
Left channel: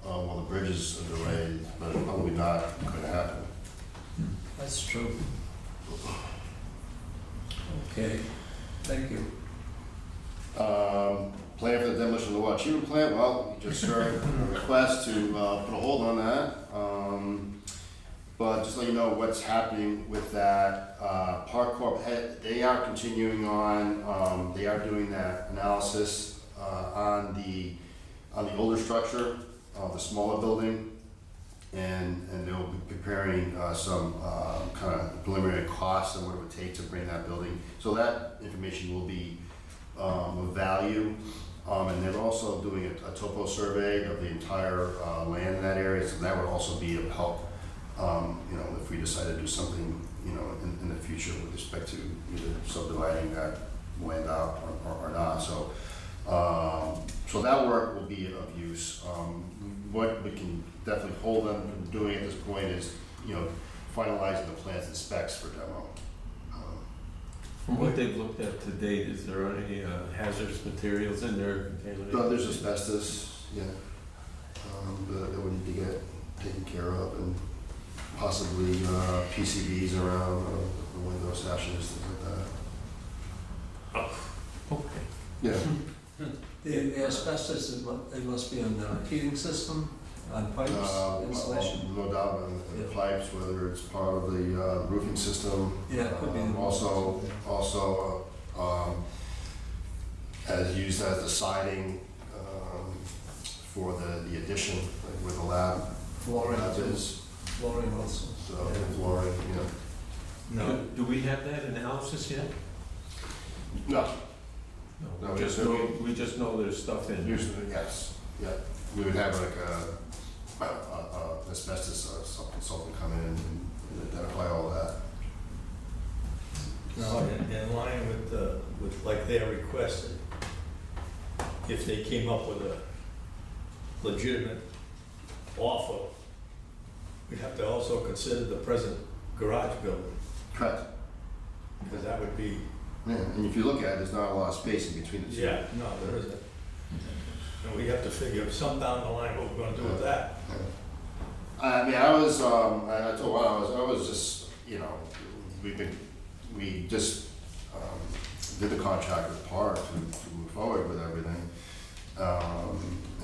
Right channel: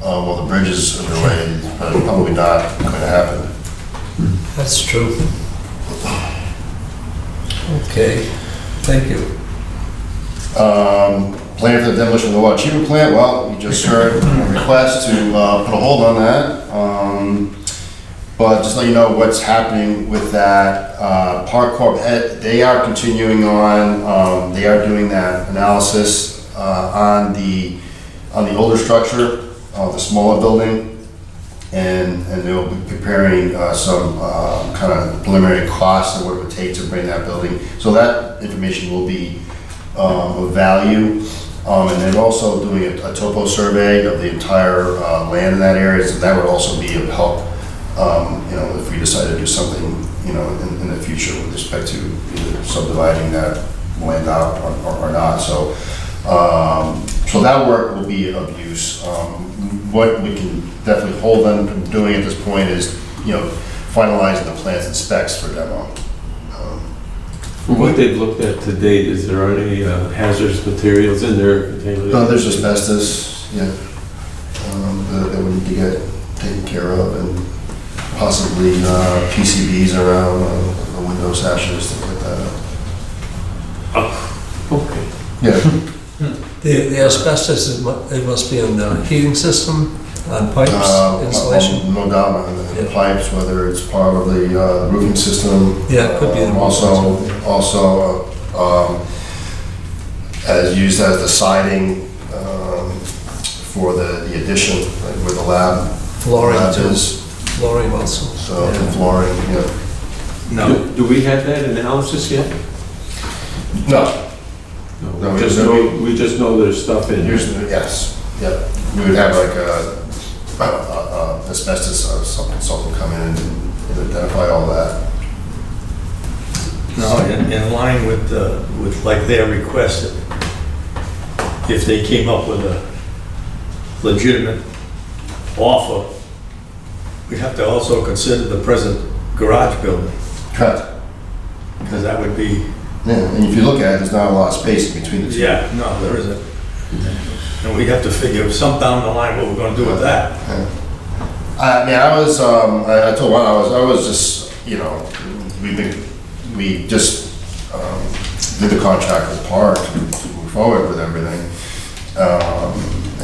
while the bridge is underway, is probably not going to happen. That's true. Okay, thank you. Plan for the demolition of the water treatment plant, well, we just heard a request to put a hold on that. But just let you know what's happening with that. Park Corp, they are continuing on, they are doing that analysis on the older structure, the smaller building. And they'll be preparing some kind of preliminary costs of what it would take to bring that building. So that information will be of value. And they're also doing a topo survey of the entire land in that area, so that would also be of help, if we decide to do something, in the future with respect to either subdividing that land out or not. So, so that work will be of use. What we can definitely hold them from doing at this point is, finalizing the plans and specs for demo. From what they've looked at to date, is there any hazardous materials in there? No, there's asbestos, yeah, that we need to get taken care of, and possibly PCBs around the window sashes, stuff like that. Okay. Yeah. The asbestos, it must be on the heating system, on pipes, insulation? No doubt on the Yeah. pipes, whether it's part of the roofing system. Yeah, it could be the roofing Also, as used as the siding for the addition, like where the lab Flooring, is. flooring also. So, the flooring, yeah. No, Do we have that analysis yet? No, No, No, we just know there's stuff in here. usually, yes, yep. We would have like asbestos consultant come in and identify all that. no, in line with like their request, if they came up with a legitimate offer, we'd have to also consider the present garage building, Correct. because that would be, Yeah, and if you look at it, there's not a lot of space in between the two. yeah, no, there isn't. And we have to figure some down the line what we're gonna do with that. Yeah. I mean, I was, I told Ron, I was just, we just did the contract with Park to move forward with everything.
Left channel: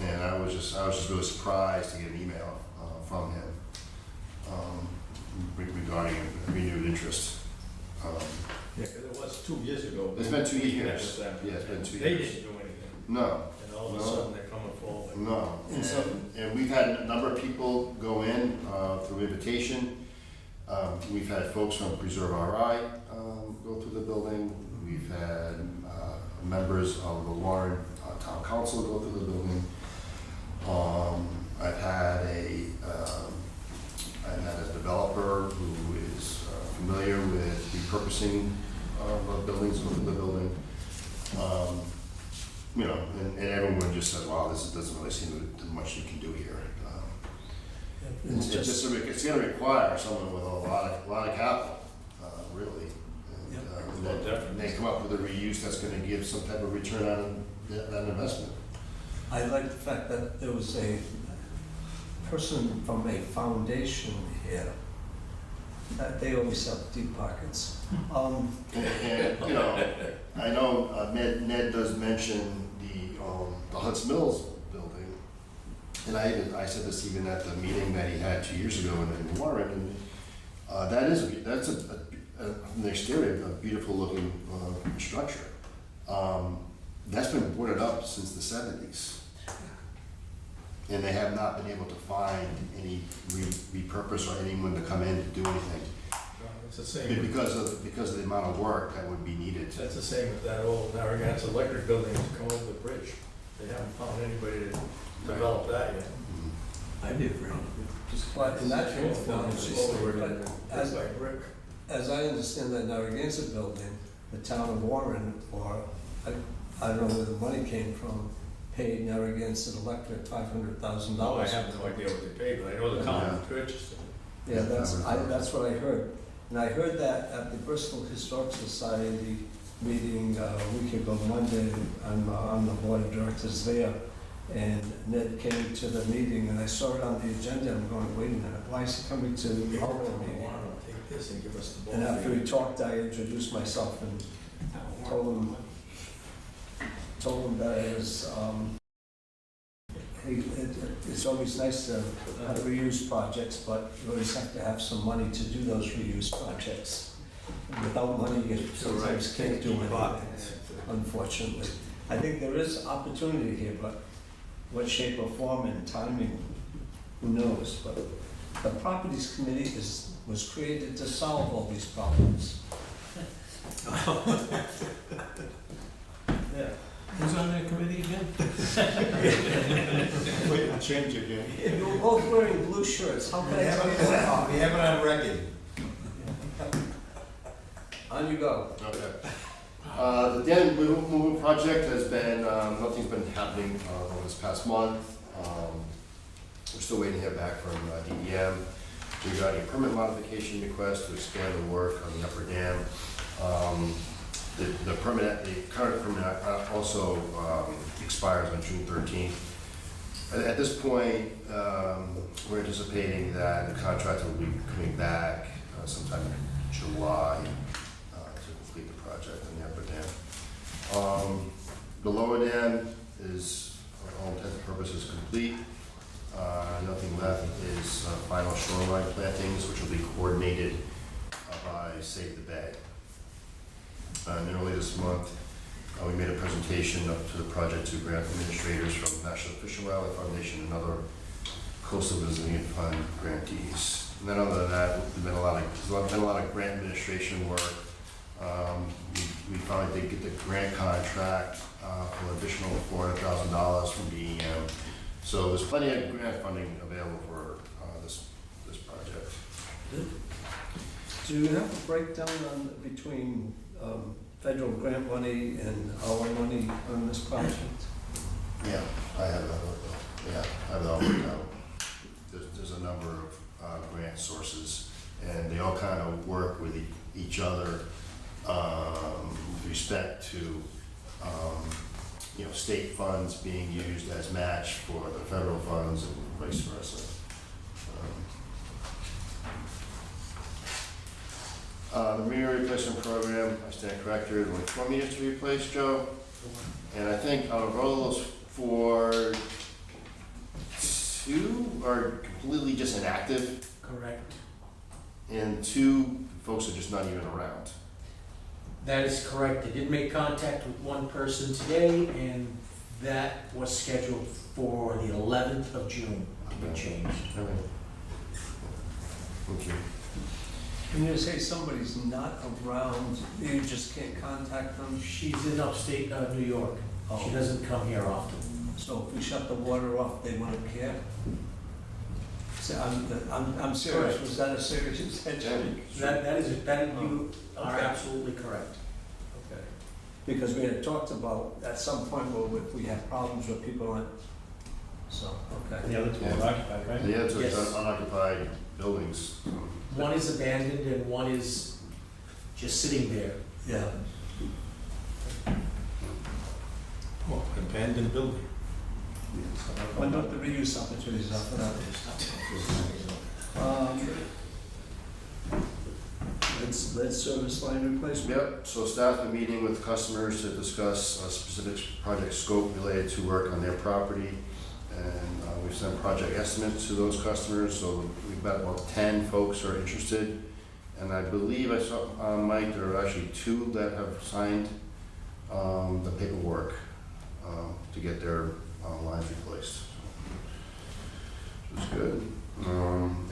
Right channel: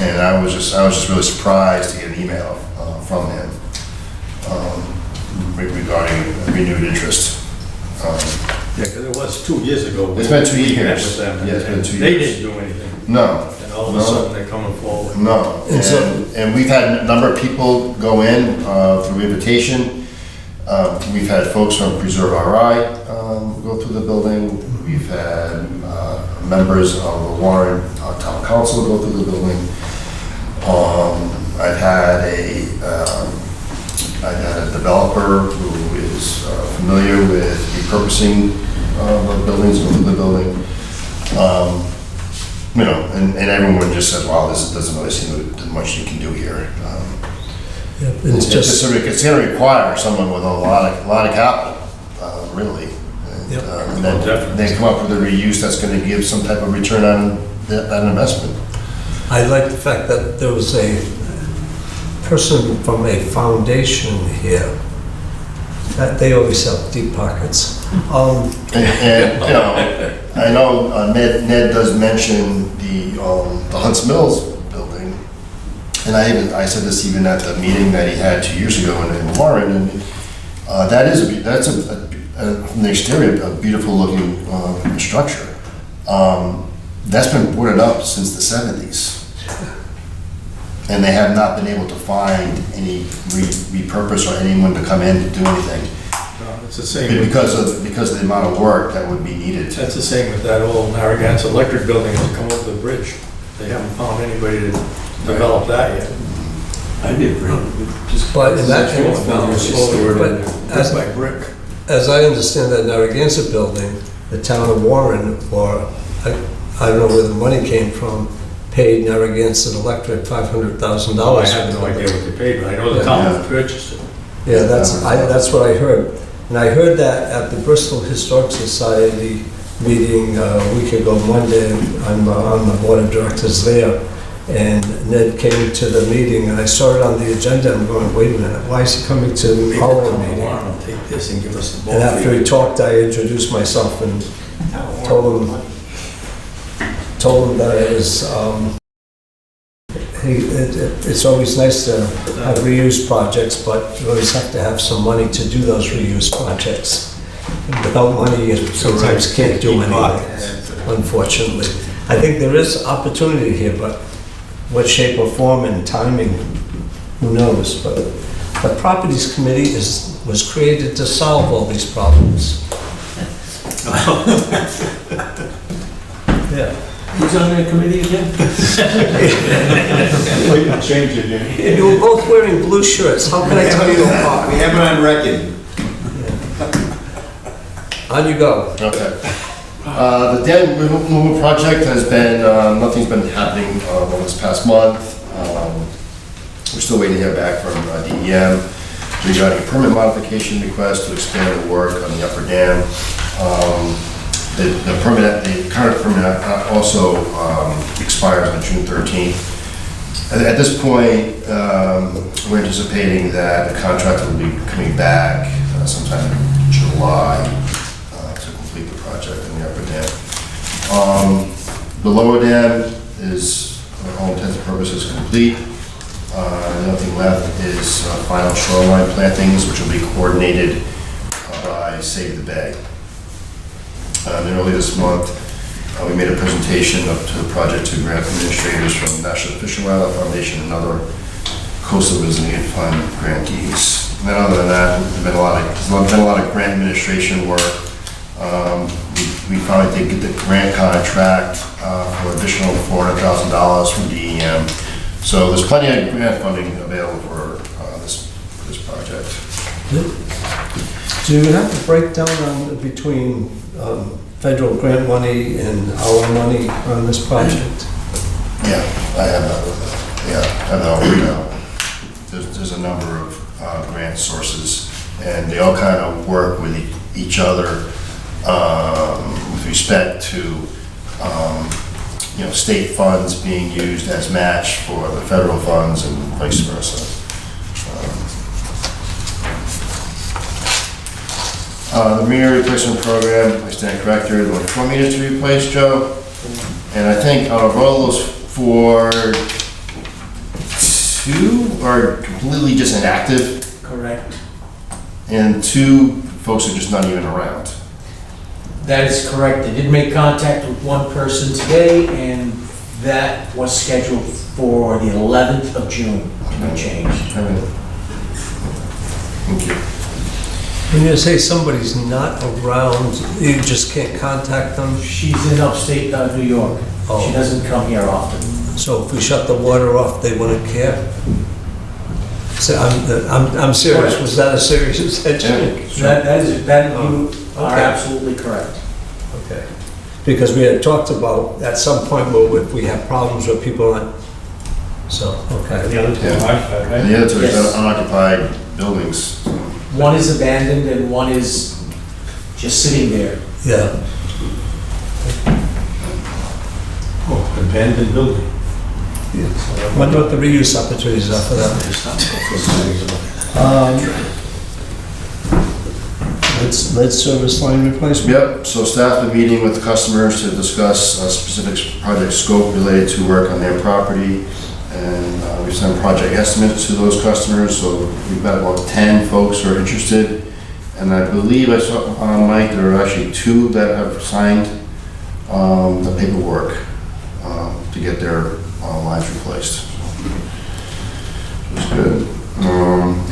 And I was just really surprised to get an email from him regarding renewed interest. Yeah, because it was 2 years ago. It's been 2 We met years. with them, Yeah, it's been and 2 They years. didn't do anything, No, and all of a No. sudden they're coming forward. no. And so- And we've had a number of people go in through invitation. We've had folks from Preserve RI go through the building. We've had members of the Warren Town Council go through the building. I've had a developer who is familiar with repurposing the buildings, go through the building. You know, and everyone just said, wow, this doesn't really seem that much you can do here. It's just, It's gonna require someone with a lot of capital, really. Yep. And then they come up with a reuse that's gonna give some type of return on that investment. I like the fact that there was a person from a foundation here, that they always have deep pockets. And, you know, I know Ned does mention the Hunts Mills building, and I said this even at the meeting that he had 2 years ago in Warren, and that's from the exterior, a beautiful looking structure. That's been boarded up since the 70s. And they have not been able to find any repurpose or anyone to come in to do anything. It's the same with, Because of the amount of work that would be needed to. that's the same with that old Narragansett Electric building that's come over the bridge. They haven't found anybody to develop that yet. I did agree. Just But in that case, found it stored in there. as, Brick by brick. as I understand that Narragansett building, the town of Warren, or I don't know where the money came from, paid Narragansett Electric $500,000. I have no idea what they paid, but I know the town purchased it. Yeah, that's what I heard. And I heard that at the Bristol Historic Society meeting a week ago, Monday. I'm on the board of directors there. And Ned came to the meeting, and I saw it on the agenda. I'm going, wait a minute, why is he coming to our meeting? Take this and give us the ball. And after he talked, I introduced myself and told him that it was, it's always nice to have reuse projects, but you always have to have some money to do those reuse projects. And without money, you sometimes can't do anything, unfortunately. I think there is opportunity here, but what shape or form and timing, who knows? But the Properties Committee was created to solve all these problems. Yeah. Who's on that committee again? Change it, yeah. You were both wearing blue shirts, how can I tell you apart? We have it on record. On you go. Okay. The dam removal project has been, nothing's been happening over this past month. We're still waiting to hear back from DEM regarding a permit modification request to expand the work on the upper dam. The current permit also expires on June 13th. At this point, we're anticipating that the contractor will be coming back sometime in July to complete the project in the upper dam. The lower dam is, for all intents and purposes, complete. The only thing left is final shoreline plantings, which will be coordinated by Save the Bay. And early this month, we made a presentation to the project to grant administrators from National Fish and Wildlife Foundation and other Coastal Resilient Fund grantees. And then other than that, there's been a lot of grant administration work. We finally did get the grant contract for additional $400,000 from DEM. So there's plenty of grant funding available for this project. Do you have a breakdown between federal grant money and our money on this project? Yeah, I have that with it. Yeah, I have that worked out. There's a number of grant sources, and they all kind of work with each other with respect to state funds being used as match for the federal funds and vice versa. The meter replacement program, I stand corrected, only 4 meters to replace, Joe. And I think out of all those 4, 2 are completely just inactive, Correct. and 2 folks are just not even around. That is correct. They did make contact with one person today, and that was scheduled for the 11th of June to be changed. All right. Thank you. When you say somebody's not around, you just can't contact them? She's in upstate New York. Oh. She doesn't come here often. So if we shut the water off, they wouldn't care? So I'm serious, was that a serious intention? That you are Okay. absolutely correct. Okay. Because we had talked about, at some point, where we have problems with people on, so, okay. The other two are occupied, right? The other two is Yes. unoccupied buildings. One is abandoned and one is just sitting there. Yeah. Oh, abandoned building. Wonder what the reuse opportunities are for that. Lead service line replacement? Yep, so staff are meeting with customers to discuss a specific project scope related to work on their property. And we send project estimates to those customers, so we've got about 10 folks who are interested. And I believe I saw, Mike, there are actually 2 that have signed the paperwork to get their lines replaced. Which is good.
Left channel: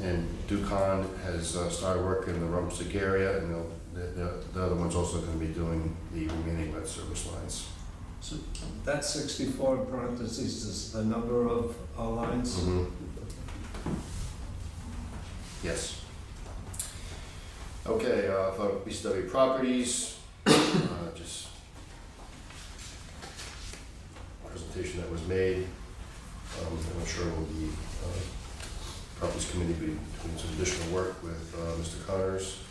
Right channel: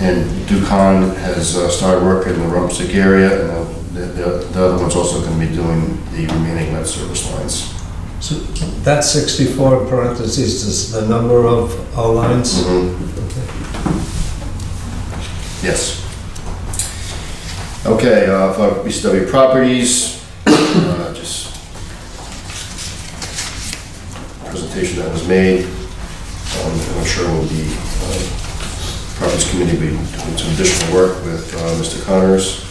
And Ducon has started work in the Rumpstick area, and the other one's also going to be doing the remaining lead service lines. So that 64 in parentheses is the number of our lines? Mhm. Yes. Okay, for BCW properties, just presentation that was made. I'm sure we'll be, properties committee will be doing some additional work with Mr. Connors.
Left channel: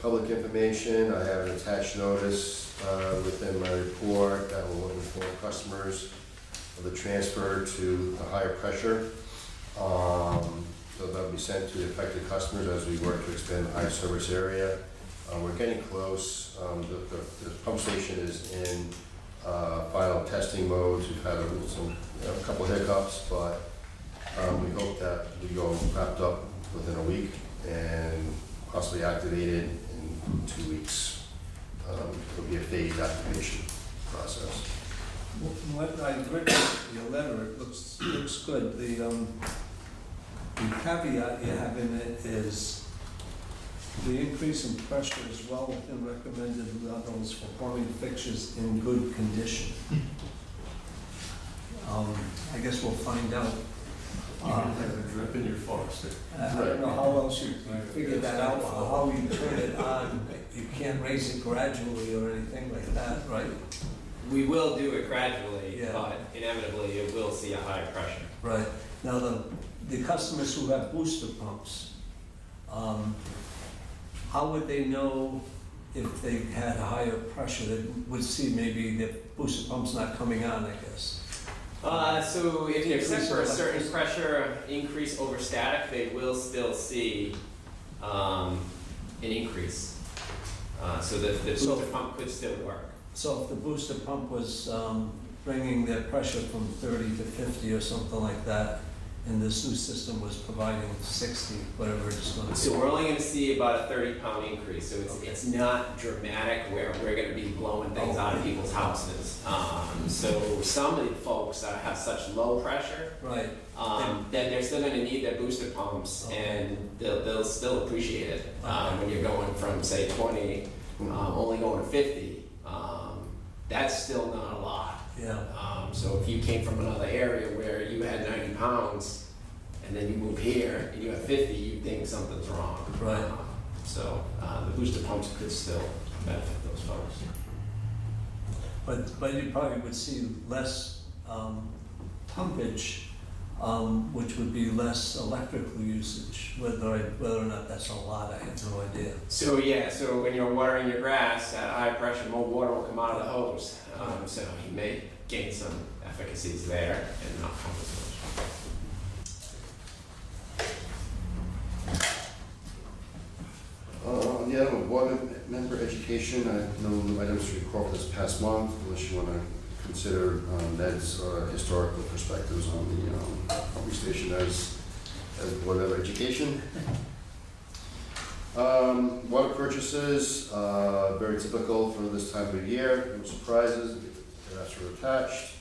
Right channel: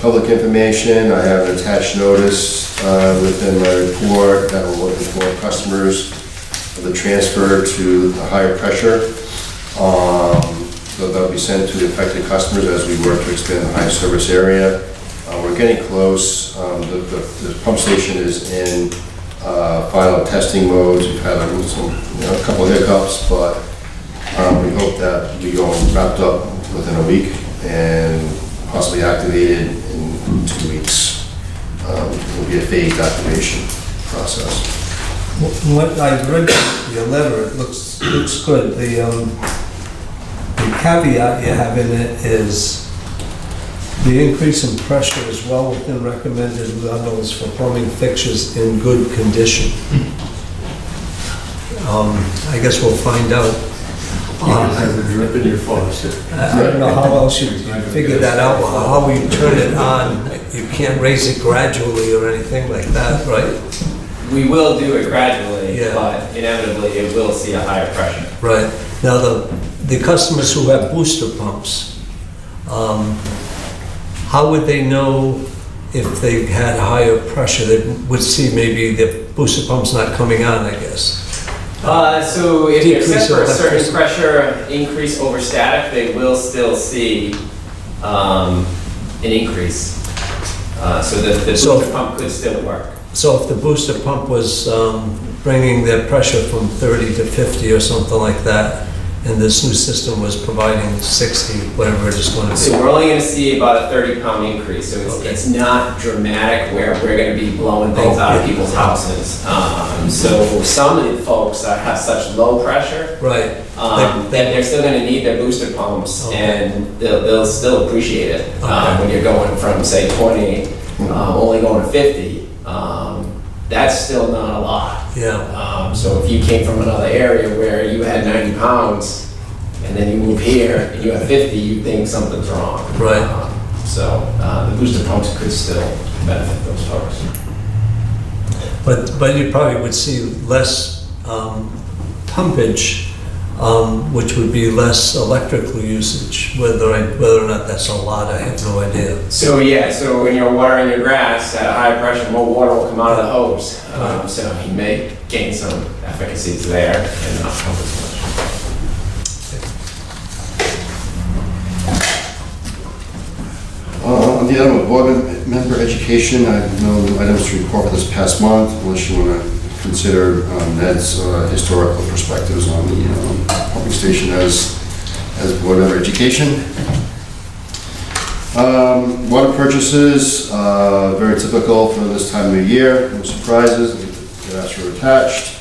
Public information, I have an attached notice within my report that we're looking for customers for the transfer to the higher pressure. So that'll be sent to the affected customers as we work to expand the high service area. We're getting close. The pump station is in final testing modes. We've had a couple of hiccups, but we hope that we go wrapped up within a week and possibly activated in 2 weeks. It'll be a phased activation process. What I read your letter, it looks good. The caveat you have in it is the increase in pressure is well within recommended levels for plumbing fixtures in good condition. I guess we'll find out. Drip in your faucet. I don't know how else you figure that out, how you turn it on. You can't raise it gradually or anything like that, right? We will do it gradually, Yeah. but inevitably it will see a higher pressure. Right. Now, the customers who have booster pumps, how would they know if they had higher pressure? They would see maybe the booster pump's not coming on, I guess. So if they're set Decrease for a of certain electricity. pressure increase over static, they will still see an increase. So the So- booster pump could still work. So if the booster pump was bringing their pressure from 30 to 50 or something like that, and this new system was providing 60, whatever it is going to So be. we're only gonna see about a 30-pound increase, so Okay. it's not dramatic where we're gonna be blowing things out of people's houses. So some of the folks that have such low pressure, Right. that they're still gonna need their booster pumps, Okay. and they'll still appreciate it. Okay. When you're going from, say, 20, only going to 50, that's still not a lot. Yeah. So if you came from another area where you had 90 pounds, and then you move here, and you have 50, you think something's wrong. Right. So the booster pumps could still benefit those folks. But you probably would see less pumpage, which would be less electrical usage. Whether or not that's a lot, I have no idea. So yeah, so when you're watering your grass at a high pressure, more water will come out of the hose. So you may gain some efficacies there and not pump as much. On the item of board member education, I have no items to report for this past month, unless you want to consider Ned's historical perspectives on the pumping station as board member education. Water purchases, very typical for this time of year, no surprises, the graphs are attached.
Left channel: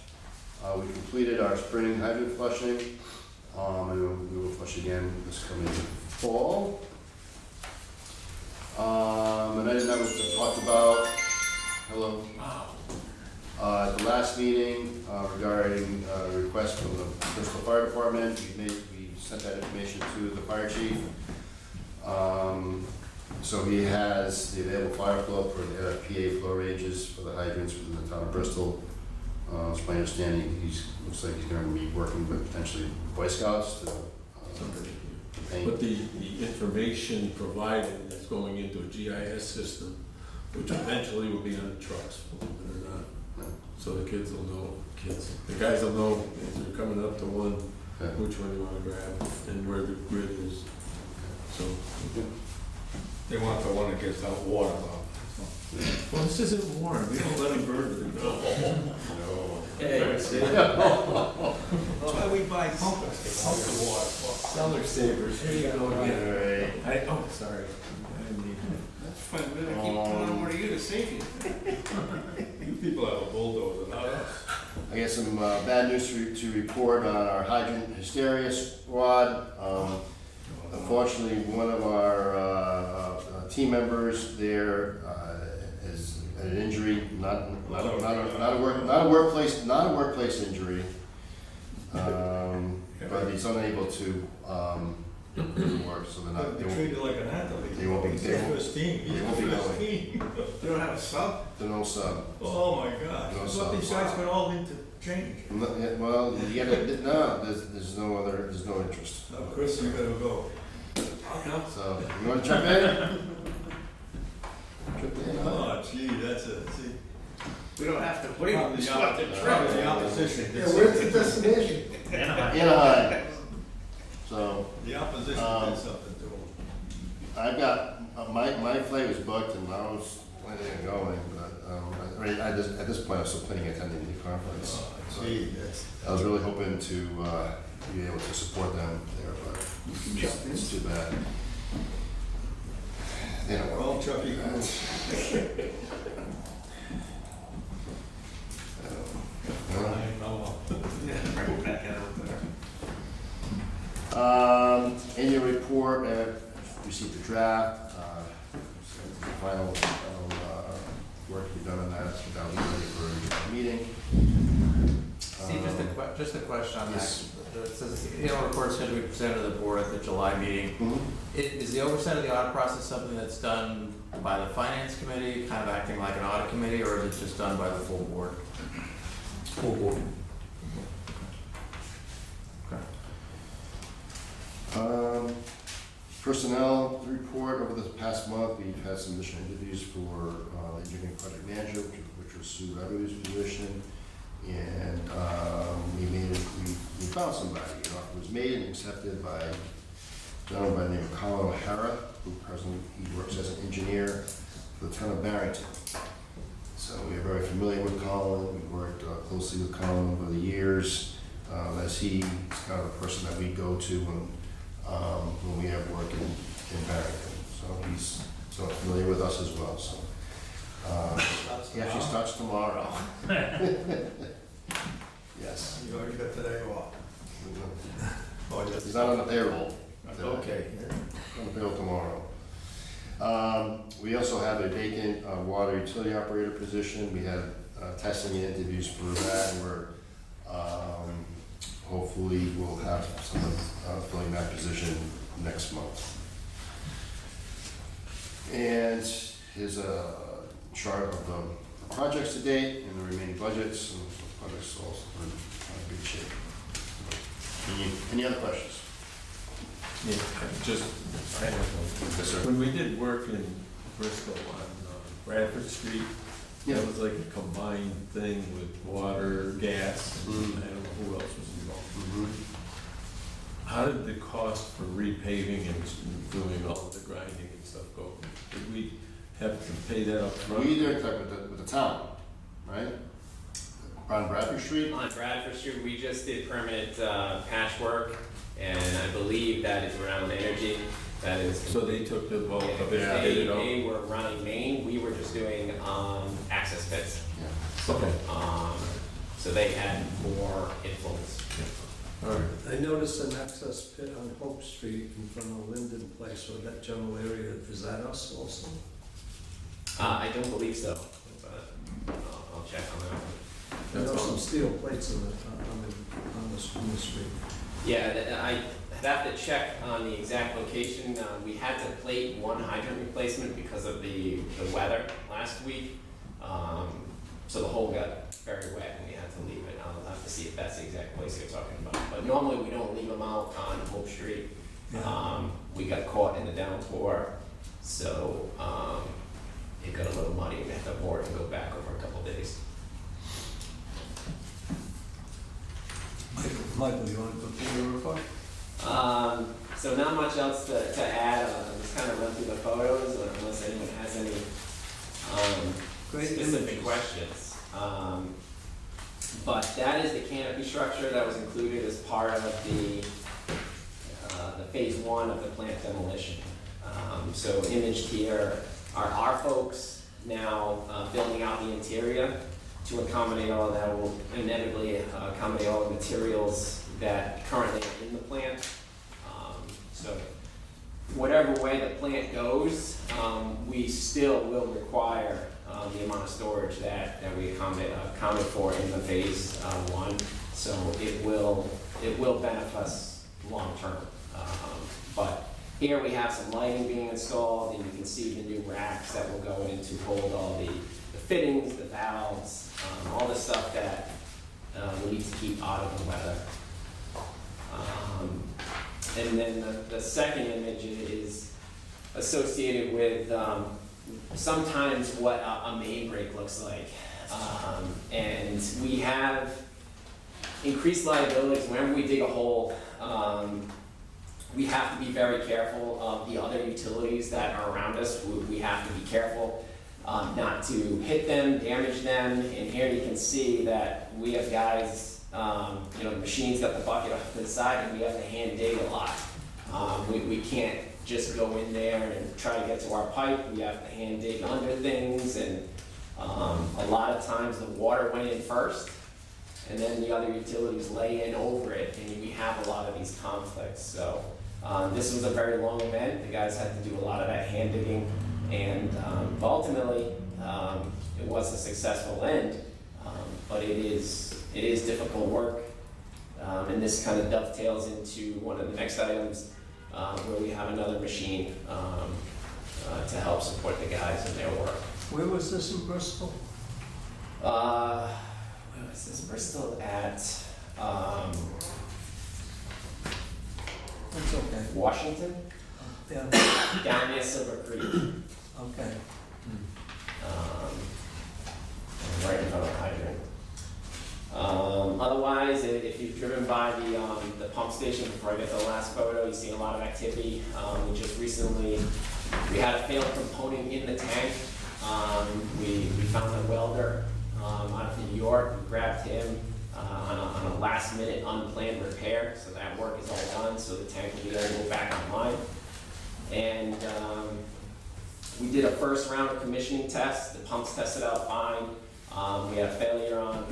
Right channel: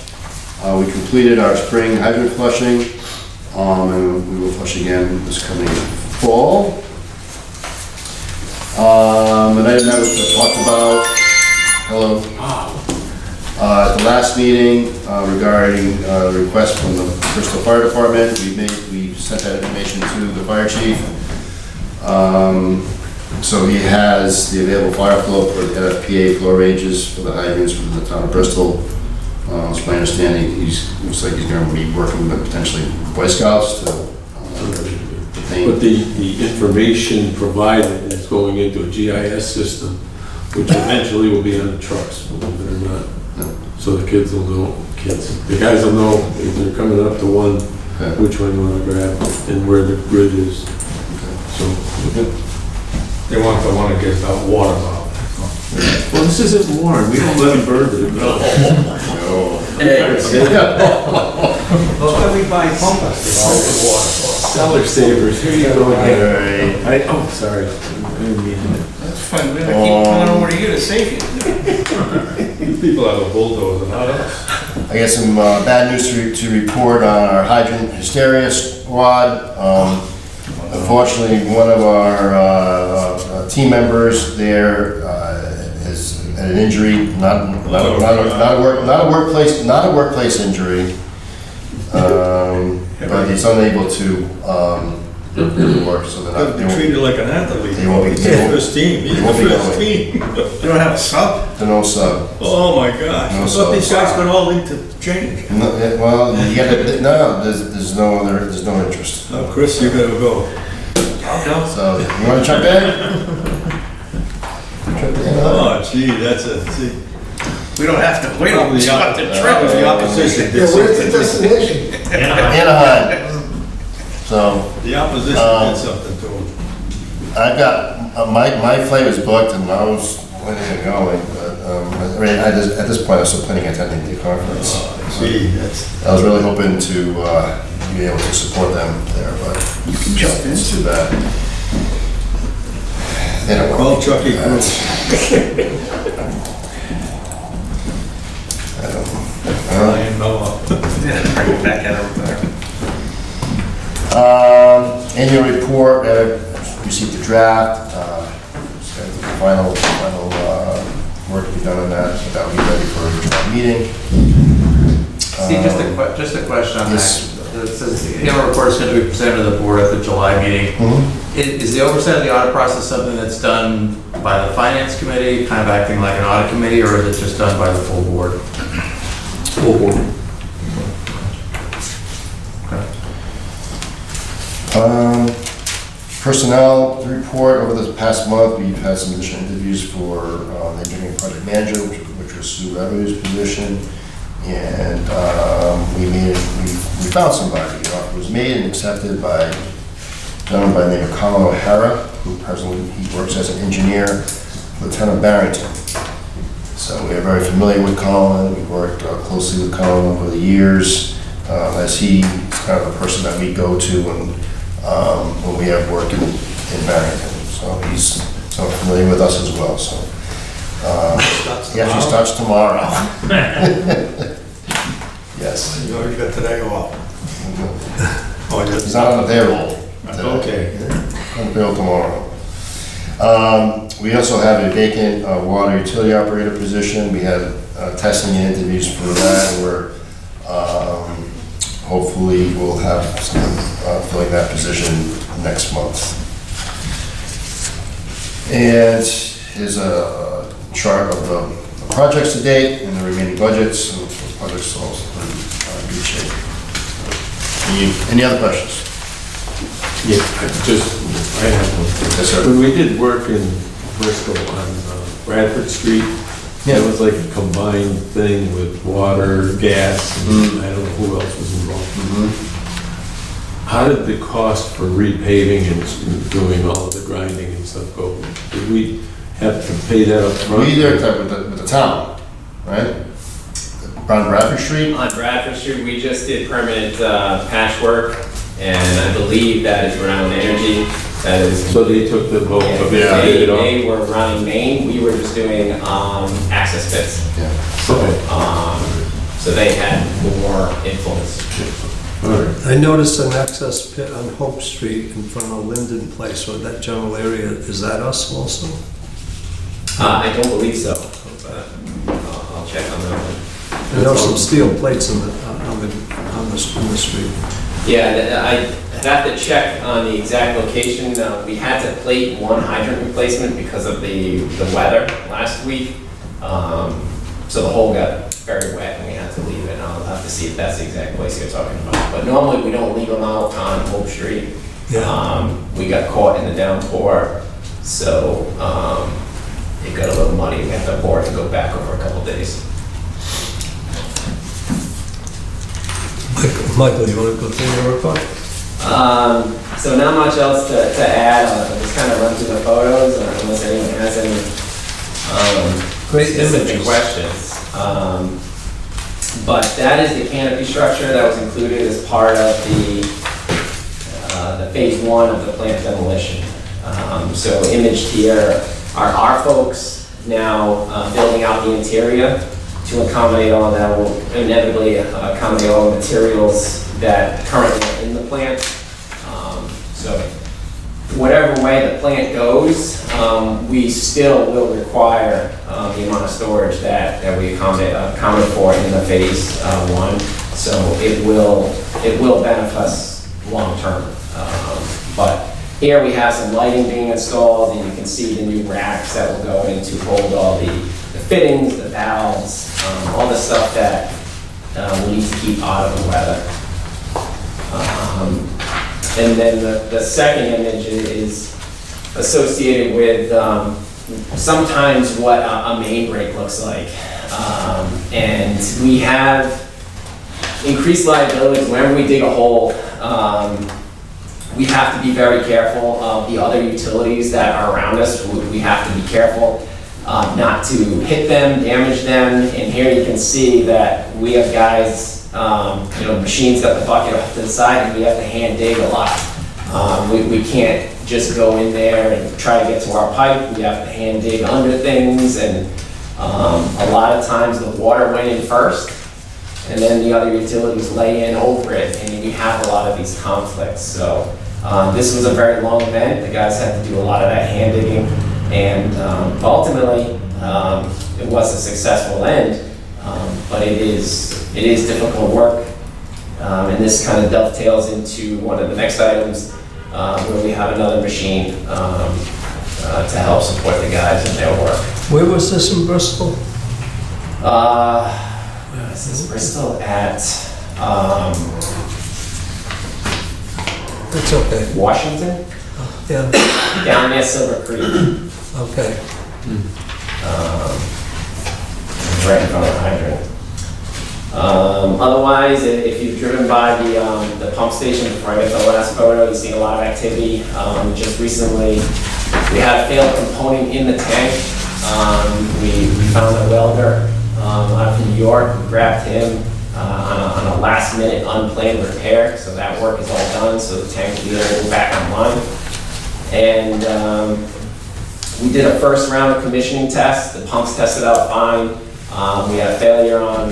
We completed our spring hydrant flushing, and we will flush again this coming fall. An item that was talked about, hello. At the last meeting regarding the request from the Bristol Fire Department, we sent that information to the fire chief. So he has the available fire flow for the NFPA flow ranges for the hydrants within the town of Bristol. It's my understanding looks like he's going to be working with potentially Boy Scouts to But the information provided is going into a GIS system, which eventually will be on the trucks, believe it or not. So the kids will know, the guys will know if they're coming up to one, which one you want to grab and where the grid is. So, They want the one that gets that water out. well, this isn't warm, we don't let them burn it. No. That's why we buy pumpers, to all the water. Cellar savers, here you go again. Alright. Oh, sorry. I didn't mean that. That's fine, we're gonna keep coming over to you to save you. You people have a bulldozer, not us. I got some bad news to report on our hydrant hysteria squad. Unfortunately, one of our team members there has had an injury, not a workplace injury, but he's unable to work, so they're They'll not. be treated like an athlete. They won't be- He's the first team, he's they the won't be first going. team. You don't have a sub? They're no sub. Oh my gosh, No I thought these subs. guys got all into change. No, well, you gotta, no, there's no interest. Now, Chris, you gotta go. So, you wanna jump in? Oh gee, that's a, see. We don't have to wait on The opposition did something. Anaheim. So, The opposition did something to him. I've got, my flight is booked and I was planning on going, but, I mean, at this point, I'm still planning on attending the conference. Gee, that's, I was really hoping to be able to support them there, but it's too bad. They don't want call me. Chucky Cruz. Ryan Noah. Bring it back at everything. Annual report, received the draft, just got the final work to be done on that, but that'll be ready for a July meeting. Steve, just a question on Yes. that. It says the annual report is going to be presented to the board at the July meeting. Is the oversight of the audit process something that's done by the finance committee, kind of acting like an audit committee, or is it just done by the full board? Full board. Personnel report, over the past month, we've had some additional interviews for the engineering project manager, which was Sue Revenue's position. And we found somebody. The offer was made and accepted by a gentleman by the name of Colin O'Hara, who presently he works as an engineer for the town of Barrington. So we are very familiar with Colin. We've worked closely with Colin over the years, as he's kind of the person that we go to when we have work in Barrington. So he's somewhat familiar with us as well. So he actually starts tomorrow. Yes. You already got today off. Oh, He's not on the payroll. Okay. On the payroll tomorrow. We also have a vacant water utility operator position. We had testing and interviews for that, and we're hopefully we'll have some filling that position next month. And here's a chart of the projects to date and the remaining budgets. And the projects are also in good shape. Any other questions? Yeah, I have one. Yes, sir. When we did work in Bristol on Bradford Street, it was like a combined thing with water, gas, and I don't know who else was involved. How did the cost for repaving and doing all of the grinding and stuff go? Did we have to pay that up front? We did that with the town, right? On Bradford Street? On Bradford Street, we just did permanent patchwork, and I believe that is around energy. That is. So they took the vote of it, They, did it all? they were running main, we were just doing, access pits. Yeah. Okay. So they had more influence. All right. I noticed an access pit on Hope Street in front of Linden Place, or that general area. Is that us also? I don't believe so, but I'll check on that one. I know some steel plates in the street. Yeah, I have to check on the exact location. We had to plate one hydrant replacement because of the weather last week. So the hole got very wet and we had to leave it. And I'll have to see if that's the exact place you're talking about. But normally we don't leave them out on Hope Street. Yeah. We got caught in the downpour, so it got a little muddy. We had to board and go back over a couple days. Michael, you want to go through your report? So not much else to add. I'll just kind of run through the photos unless anyone has any Great specific images. questions. But that is the canopy structure that was included as part of the phase one of the plant demolition. So imaged here are our folks now building out the interior to accommodate all that, will inevitably accommodate all the materials that currently are in the plant. So whatever way the plant goes, we still will require the amount of storage that we accommodate for in the phase one. So it will benefit us long term. But here we have some lighting being installed, and you can see the new racks that will go in to hold all the fittings, the valves, all the stuff that we need to keep out of the weather. And then the second image is associated with sometimes what a main break looks like. And we have increased liabilities whenever we dig a hole. We have to be very careful of the other utilities that are around us. We have to be careful not to hit them, damage them. And here you can see that we have guys, machines got the bucket off to the side and we have to hand dig a lot. We can't just go in there and try to get to our pipe. We have to hand dig under things, and a lot of times the water went in first and then the other utilities lay in over it, and we have a lot of these conflicts. So this was a very long event. The guys had to do a lot of that hand digging, and ultimately it was a successful end, but it is difficult work. And this kind of dovetails into one of the next items where we have another machine to help support the guys in their work. Where was this in Bristol? This is Bristol at It's okay. Washington, Yeah, down near Silver Creek. okay. Right in front of the hydrant. Otherwise, if you've driven by the pump station before I get the last photo, you see a lot of activity. Just recently, we had a failed component in the tank. We found a welder out of New York, grabbed him on a last minute unplanned repair. So that work is all done, so the tank will be able to go back online. And we did a first round of commissioning tests. The pumps tested out fine. We had a failure on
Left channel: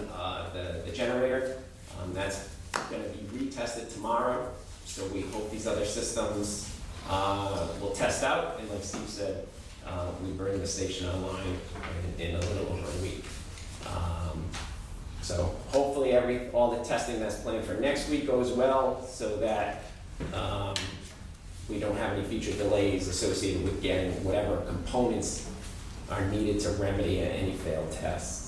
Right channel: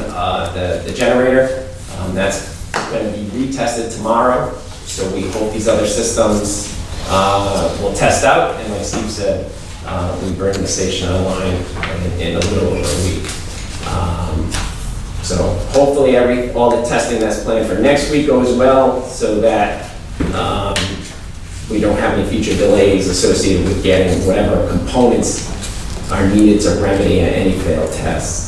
the generator. That's going to be retested tomorrow. So we hope these other systems will test out. And like Steve said, we bring the station online in a little over a week. So hopefully all the testing that's planned for next week goes well, so that we don't have any future delays associated with getting whatever components are needed to remedy any failed tests.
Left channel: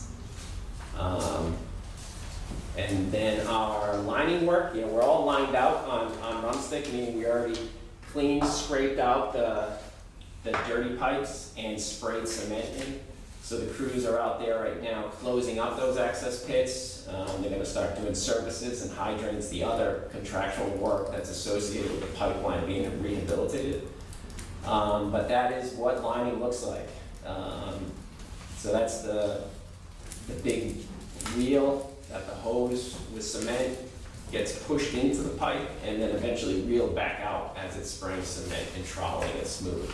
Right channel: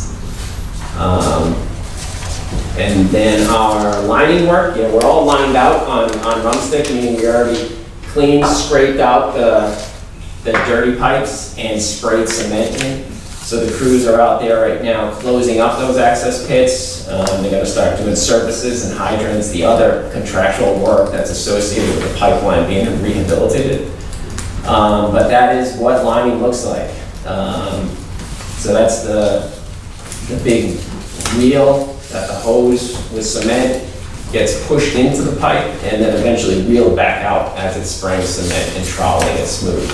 And then our lining work, we're all lined out on rumstick, meaning we already cleaned, scraped out the dirty pipes and sprayed cement in. So the crews are out there right now closing up those access pits. They're gonna start doing surfaces and hydrants, the other contractual work that's associated with the pipeline being rehabilitated. But that is what lining looks like. So that's the big reel, got the hose with cement, gets pushed into the pipe and then eventually reeled back out as it's spraying cement and troweling it smooth.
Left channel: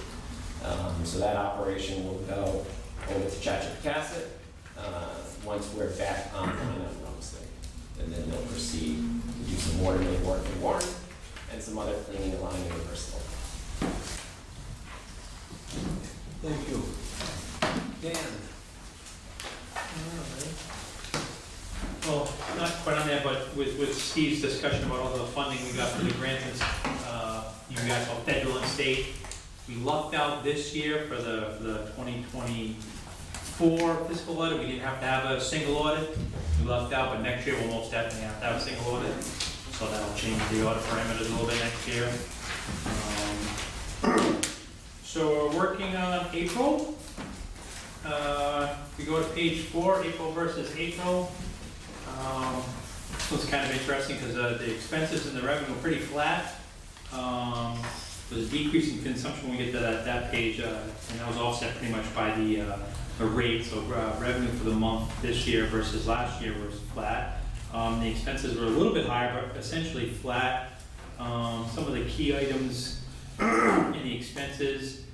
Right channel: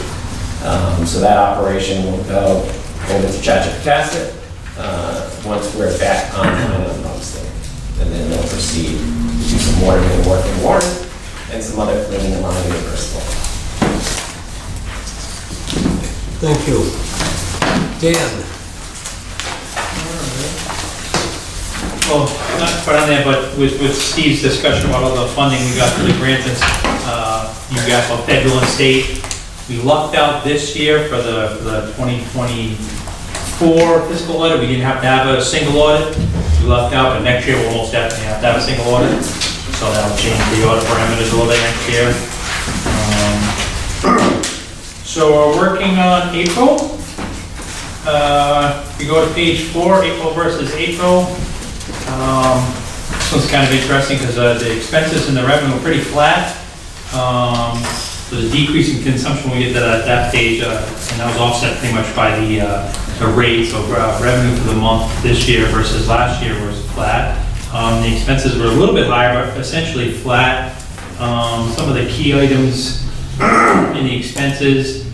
So that operation will go over to Chatchipacasset once we're back online on Homestead. And then they'll proceed to do some watering work in Warren and some other cleaning and lining in Bristol. Thank you. Dan? Well, not put on there, but with Steve's discussion about all the funding we got through the grants, you got both federal and state. We lucked out this year for the 2024 fiscal audit. We didn't have to have a single audit. We lucked out, but next year we'll almost definitely have to have a single audit. So that'll change the audit parameters a little bit next year. So we're working on April. If you go to page 4, April versus April. This one's kind of interesting because the expenses and the revenue are pretty flat. There's a decrease in consumption when we get to that page, and that was offset pretty much by the rate. So revenue for the month this year versus last year was flat. The expenses were a little bit higher, but essentially flat. Some of the key items in the expenses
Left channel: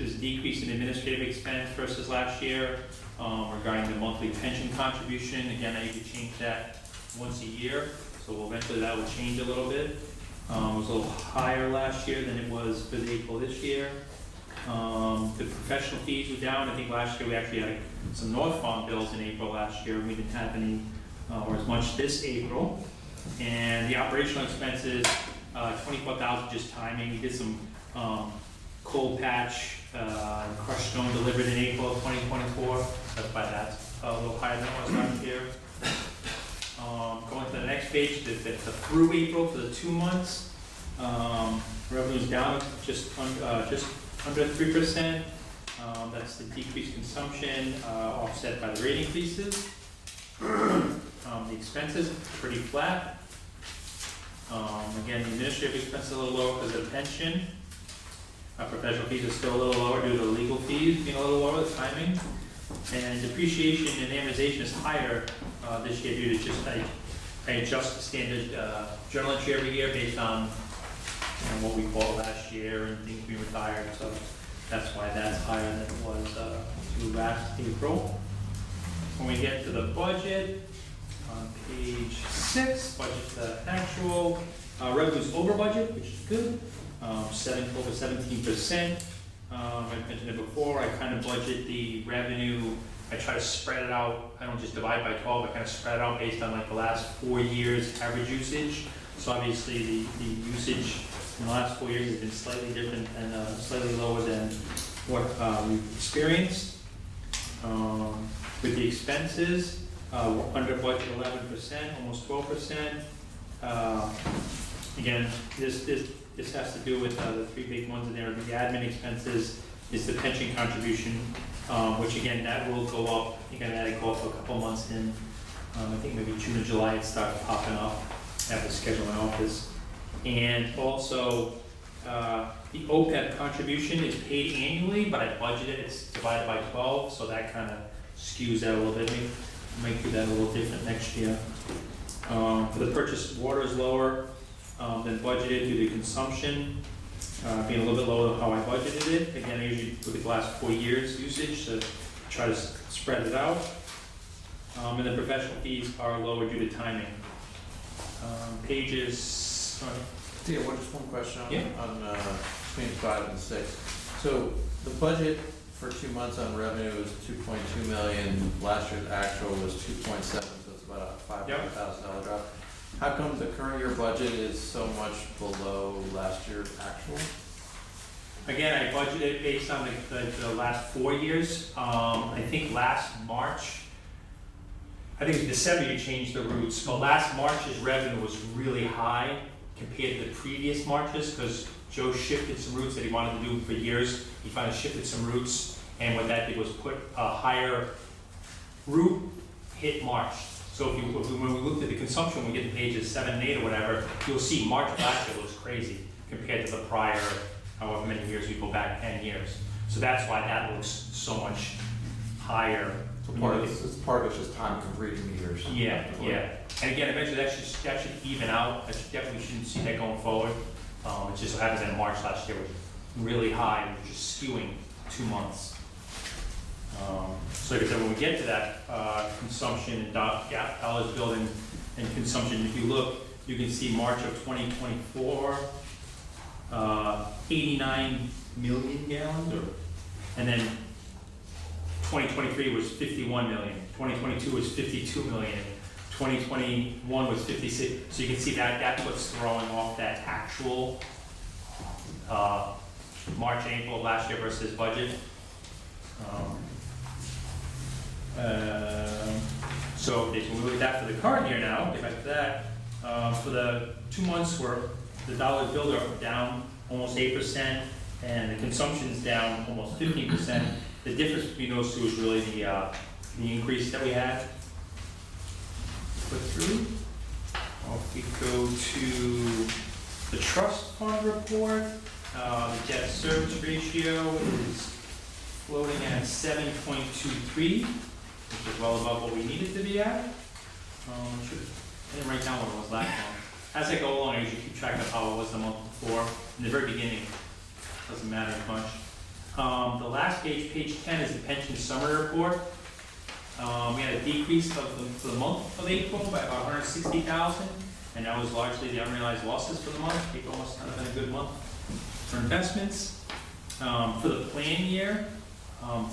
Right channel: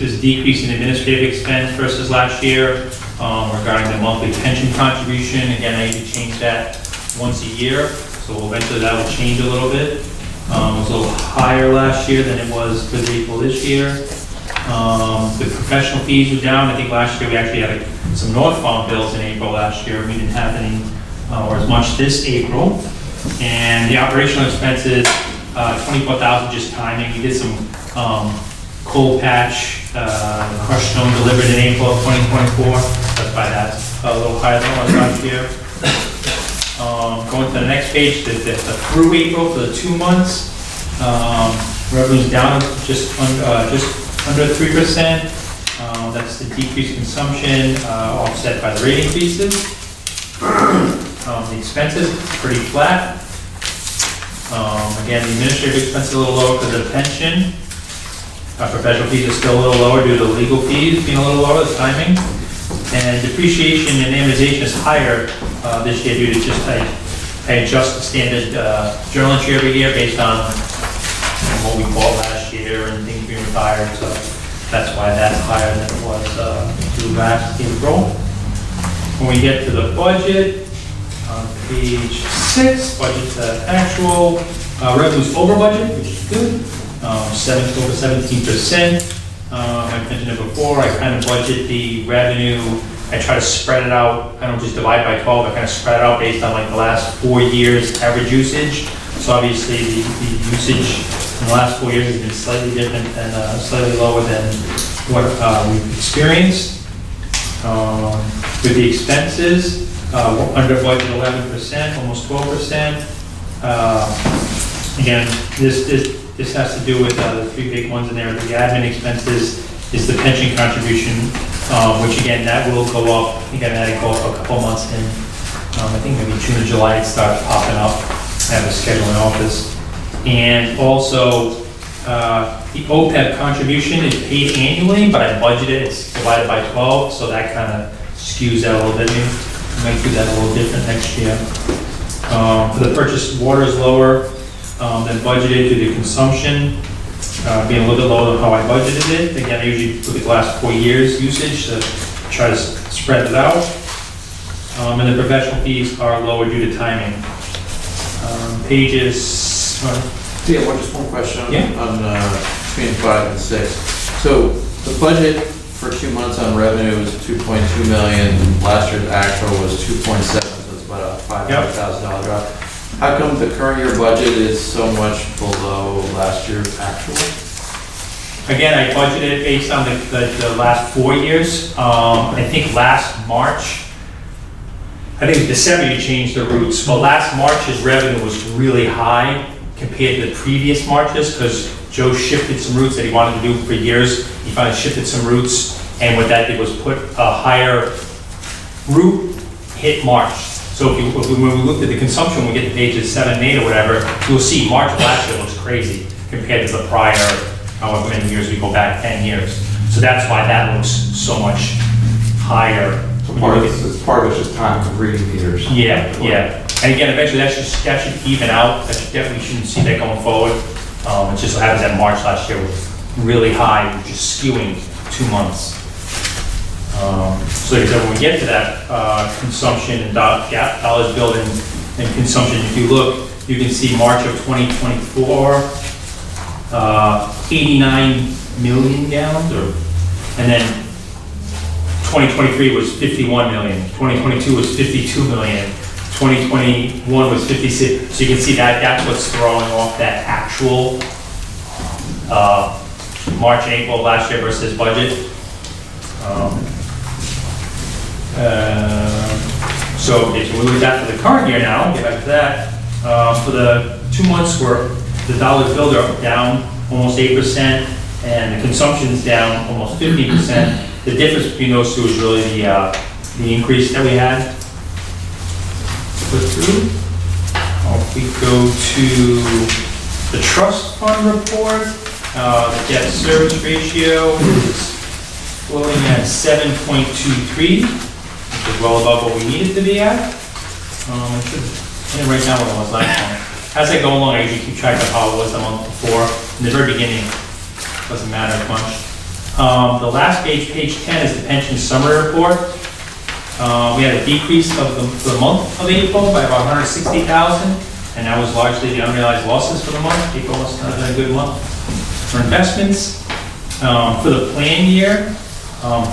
is decrease in administrative expense versus last year. Regarding the monthly pension contribution, again, I usually change that once a year, so eventually that will change a little bit. It was a little higher last year than it was for April this year. The professional fees were down. I think last year we actually had some northbound bills in April last year. We didn't have any or as much this April. And the operational expenses, 24,000 just timing. We did some cold patch, crushed stone delivered in April of 2024. That's why that's a little higher than it was last year. Going to the next page, the through April for the 2 months, revenue's down just under 3%. That's the decreased consumption offset by the rate increases. The expenses pretty flat. Again, the administrative expenses a little lower because of the pension. Professional fees are still a little lower due to legal fees being a little lower, the timing. And depreciation and amortization is higher this year due to just, I adjust the standard journal entry every year based on what we bought last year and things being retired. So that's why that's higher than it was through last April. When we get to the budget, on page 6, budget to actual, revenue's over budget, which is good. Over 17%. I mentioned it before, I kind of budget the revenue, I try to spread it out, I don't just divide by 12, I kind of spread it out based on like the last 4 years average usage. So obviously the usage in the last 4 years has been slightly different and slightly lower than what we've experienced. With the expenses, under budget 11%, almost 12%. Again, this has to do with the 3 big ones in there. The admin expenses is the pension contribution, which again, that will go up. I think I've had it go up a couple months in. I think maybe June or July it starts popping up. I have a schedule in office. And also, the OPEB contribution is paid annually, but I budgeted, it's divided by 12, so that kind of skews that a little bit. Maybe I might do that a little different next year. For the purchased water is lower than budgeted due to consumption, being a little bit lower than how I budgeted it. Again, I usually look at the last 4 years usage to try to spread it out. And the professional fees are lower due to timing. Pages. Yeah, just one question Yeah. on between 5 and 6. So the budget for 2 months on revenue is 2.2 million. Last year's actual was 2.7, so it's about a $500,000 drop. How come the current year budget is so much below last year's actual? Again, I budgeted based on the last 4 years. I think last March, I think it was December you changed the routes, but last March's revenue was really high compared to the previous Marches because Joe shifted some routes that he wanted to do for years. He finally shifted some routes, and what that did was put a higher route hit March. So when we looked at the consumption, we get to pages 7 and 8 or whatever, you'll see March last year looks crazy compared to the prior, however many years we go back, 10 years. So that's why that looks so much higher. So part of it's just time of reading meters. Yeah. And again, eventually that should even out, we shouldn't see that going forward. It just so happens that March last year was really high, just skewing 2 months. So like I said, when we get to that consumption and dollars billed and consumption, if you look, you can see March of 2024, 89 million gallons, and then 2023 was 51 million, 2022 was 52 million, 2021 was 56. So you can see that that's what's throwing off that actual March and April last year versus budget. So okay, so we look at that for the current year now, get back to that. For the 2 months where the dollars billed are down almost 8% and the consumption's down almost 50%. The difference between those two is really the increase that we had. Put through. If we go to the trust fund report, the debt service ratio is floating at 7.23, which is well above what we need it to be at. I should write down what it was last month. As I go along, I usually keep track of how it was the month before. In the very beginning, it doesn't matter much. The last page, page 10, is the pension summary report. We had a decrease of the month of April by about 160,000, and that was largely the unrealized losses for the month. April was not a good month for investments. For the plan year,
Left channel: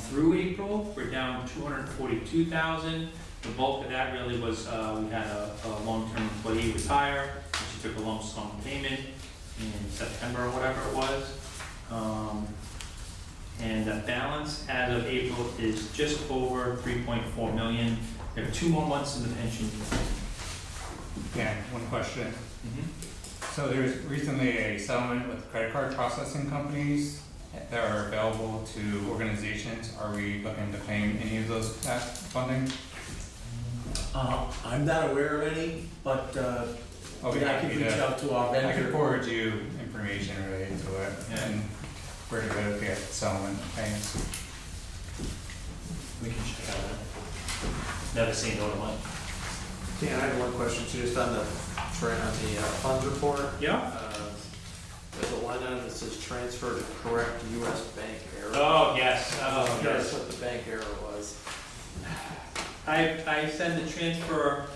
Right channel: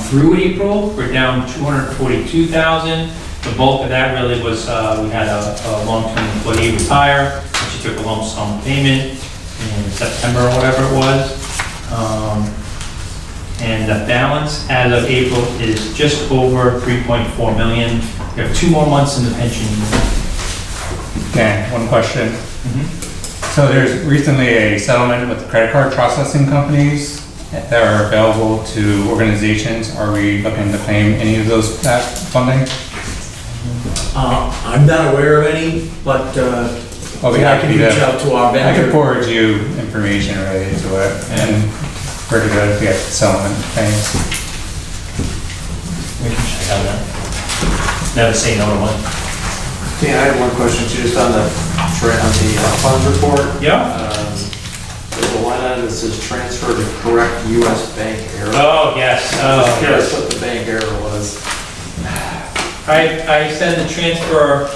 through April, we're down 242,000. The bulk of that really was we had a long-term employee retire, and she took a lump sum payment in September or whatever it was. And the balance as of April is just over 3.4 million. We have 2 more months in the pension year. Dan, one question. So there's recently a settlement with credit card processing companies that are available to organizations. Are we looking to claim any of those that funding? I'm not aware of any, but Well, we I have can to reach out to our I vendor. can forward you information related to it, and pretty good if you get settlement things. We can check out that. Never say no to one. Yeah, I have one question too, just on the fund report. Yeah? There's a line item that says transfer to correct US bank error. Oh, yes. Just curious what the bank error was. I sent the transfer,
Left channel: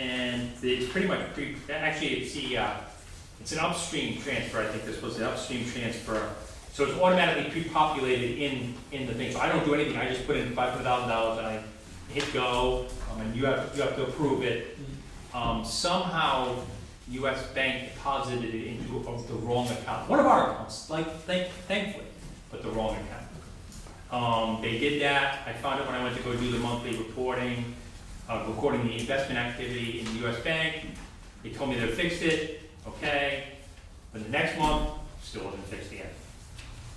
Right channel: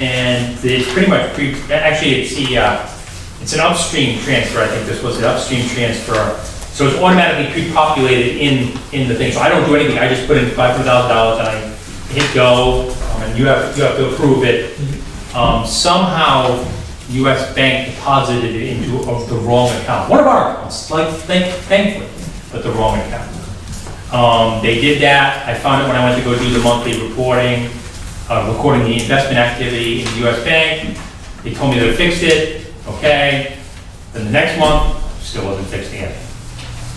and it's pretty much actually it's an upstream transfer. I think this was an upstream transfer. So it's automatically pre-populated in the thing. So I don't do anything. I just put in $500,000 and I hit go, and you have to approve it. Somehow, U.S. Bank deposited it into the wrong account. One of our accounts, like thankfully, but the wrong account. They did that. I found it when I went to go do the monthly reporting, recording the investment activity in the U.S. Bank. They told me they fixed it. Okay. Then the next month, still wasn't fixed again.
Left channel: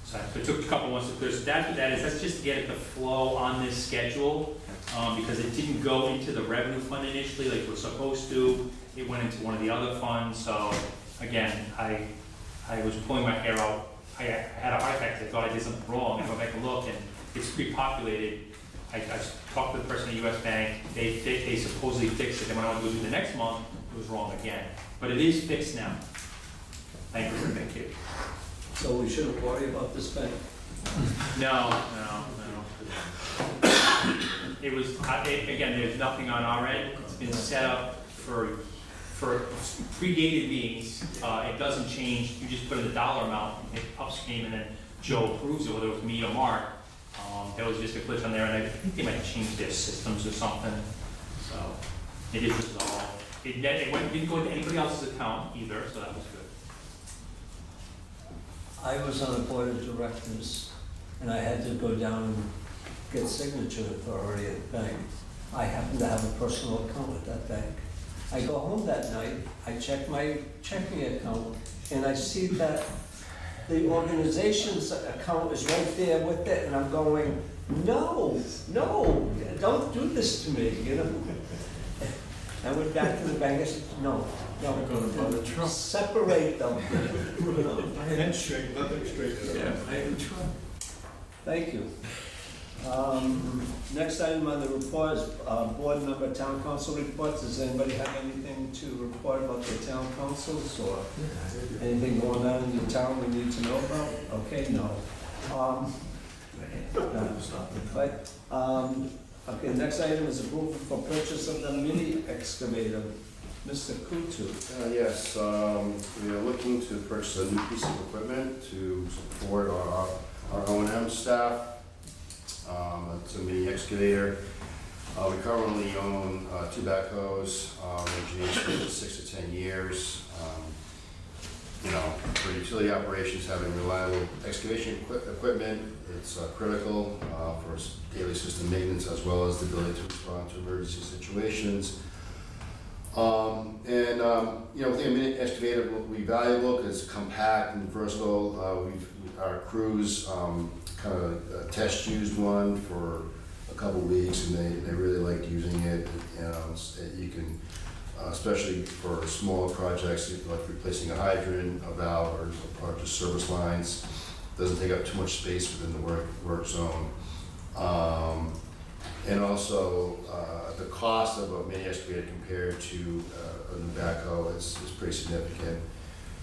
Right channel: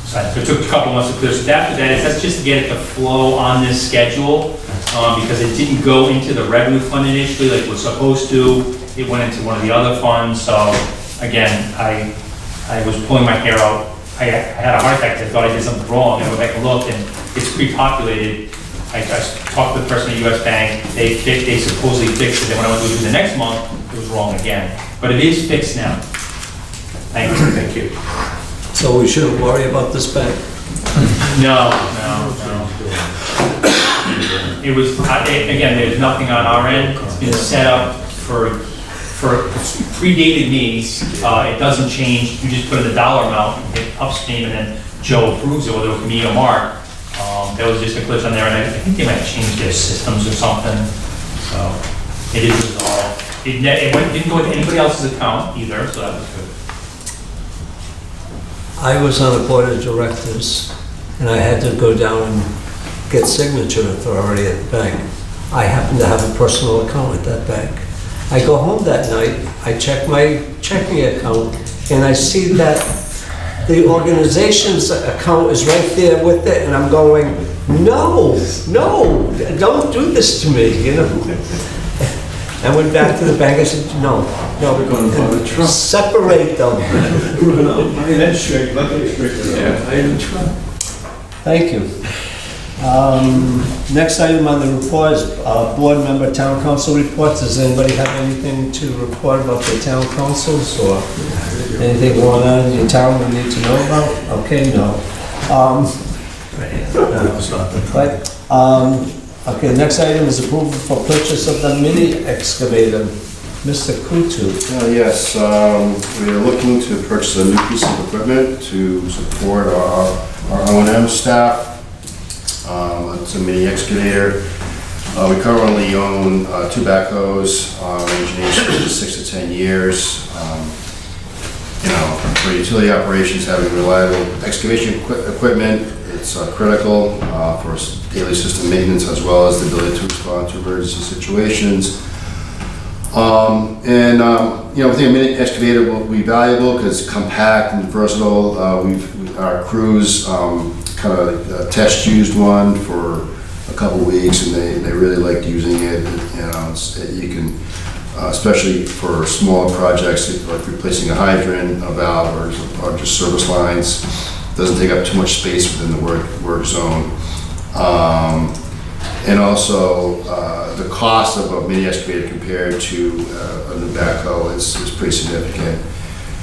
So it took a couple months to clear. So that's just to get it to flow on this schedule, because it didn't go into the revenue fund initially like it was supposed to. It went into one of the other funds. So again, I was pulling my hair out. I had a heart attack because I thought I did something wrong. I went back and looked, and it's pre-populated. I talked to the person at U.S. Bank. They supposedly fixed it. And when I went to do the next month, it was wrong again. But it is fixed now. Thank you. Thank you. So we shouldn't worry about this bank? No. It was, again, there's nothing on our end. It's been set up for predated me. It doesn't change. You just put in the dollar amount, and hit upstream, and then Joe approves it, whether it was me or Mark. There was just a glitch on there, and I think they might have changed their systems or something. So it is resolved. It didn't go into anybody else's account either, so that was good. I was on a board of directors, and I had to go down and get signature authority at the bank. I happen to have a personal account at that bank. I go home that night, I check my checking account, and I see that the organization's account is right there with it, and I'm going, no, don't do this to me, you know? I went back to the bank, I said, no, We're going to buy the truck. separate them. That's straight, let me straighten it out. Thank you. Next item on the report is board member town council reports. Does anybody have anything to report about the town councils or anything going on in your town we need to know about? Okay, no. Right. Okay, next item is approval for purchase of the mini excavator. Mr. Kutu. Yes, we are looking to purchase a new piece of equipment to support our O&M staff. It's a mini excavator. We currently own 2 backhoes, ranging from 6 to 10 years. You know, for utility operations, having reliable excavation equipment, it's critical for daily system maintenance as well as the ability to respond to emergency situations. You know, I think a mini excavator will be valuable because it's compact and versatile. Our crews kind of test used one for a couple weeks, and they really liked using it. You know, you can, especially for smaller projects like replacing a hydrant, a valve, or just service lines, doesn't take up too much space within the work zone. And also, the cost of a mini excavator compared to a new backhoe is pretty significant,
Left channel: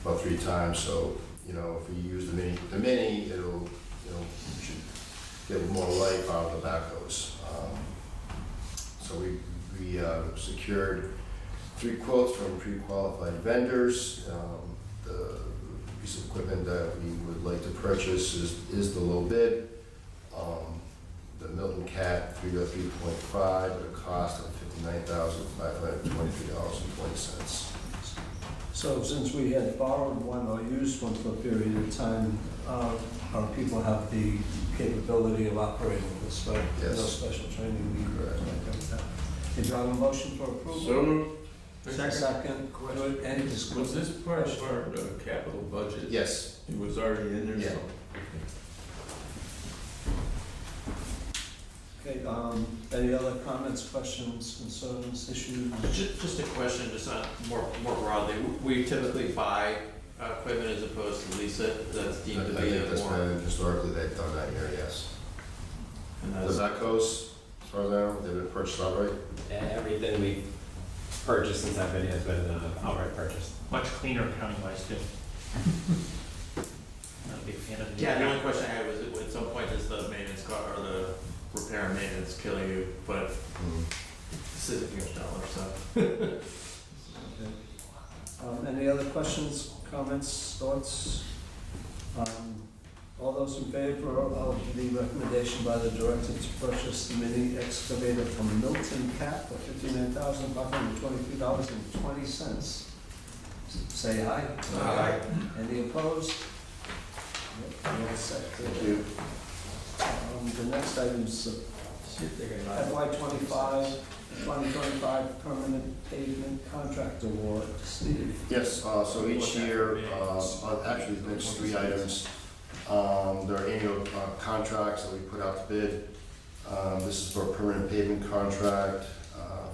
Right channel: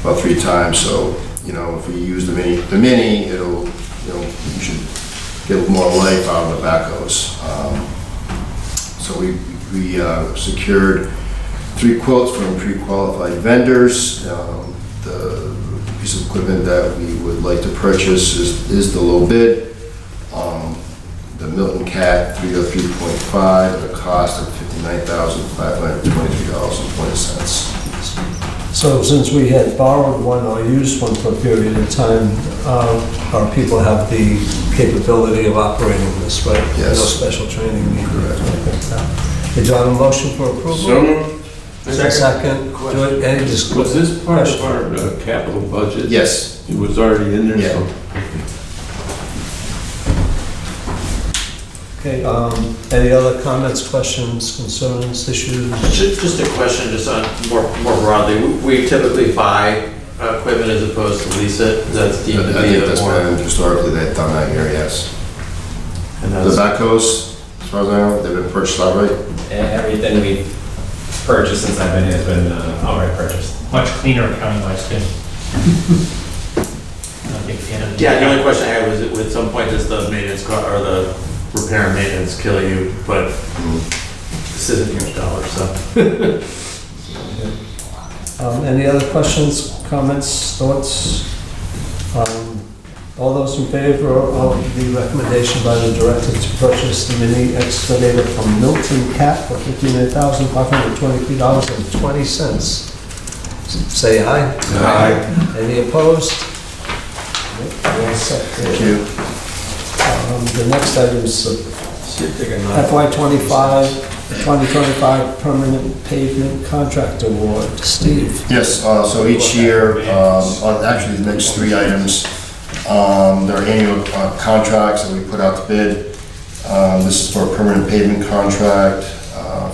about 3 times. So, you know, if we use the mini, it'll, you know, you should get more life out of the backhoes. So we secured 3 quotes from pre-qualified vendors. The piece of equipment that we would like to purchase is the low bid. The Milton Cat 303.5 at a cost of $59,523.20. So since we had borrowed one or used one for a period of time, our people have the capability of operating this, right? Yes. No special training needed. Correct. Did you have a motion for approval? So moved. Second. Do it- any discussion? Was this part of our capital budget? Yes. It was already in there, Yeah. so. Okay, any other comments, questions, concerns, issues? Just a question, just on more broadly, we typically buy equipment as opposed to lease it, that's I deemed to be think a that's more. been historically they've done that here, yes. And The that's, backhoes, as far as I know, they've been purchased outright. Everything we've purchased since I've been here has been outright purchased. Much cleaner accounting wise too. Not a big fan of. yeah, the only question I had was, at some point, does the maintenance or the repair and maintenance kill you? But this isn't your dollar, so. Any other questions, comments, thoughts? All those in favor of the recommendation by the director to purchase the mini excavator from Milton Cat for $59,523.20? Say aye. Aye. Any opposed? All set. Thank you. The next item is FY 2025 permanent pavement contract award. Steve? Yes, so each year, actually the next 3 items, there are annual contracts that we put out to bid. This is for a permanent pavement contract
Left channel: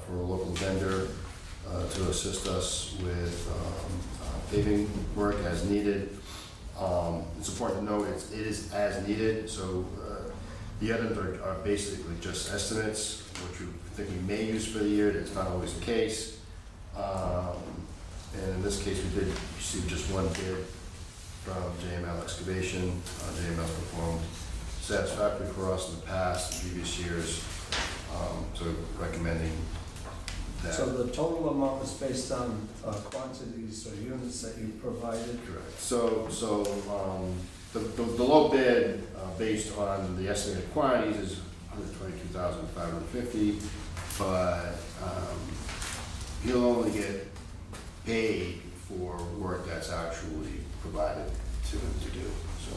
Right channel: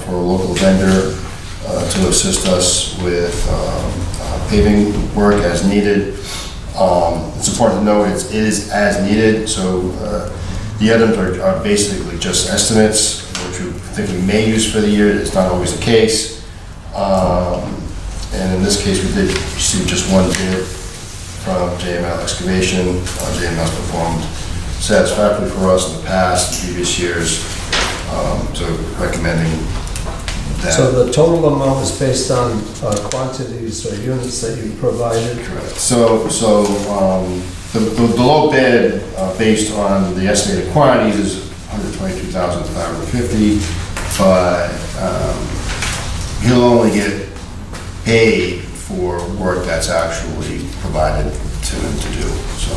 for a local vendor to assist us with paving work as needed. It's important to note it is as needed, so the items are basically just estimates, which we think we may use for the year. It's not always the case. And in this case, we did receive just 1 bid from JML Excavation. JML's performed satisfactorily for us in the past, previous years, so recommending that. So the total amount is based on quantities or units that you provided? Correct. So the low bid, based on the estimated quantities, is $122,550, but he'll only get paid for work that's actually provided to him to do, so.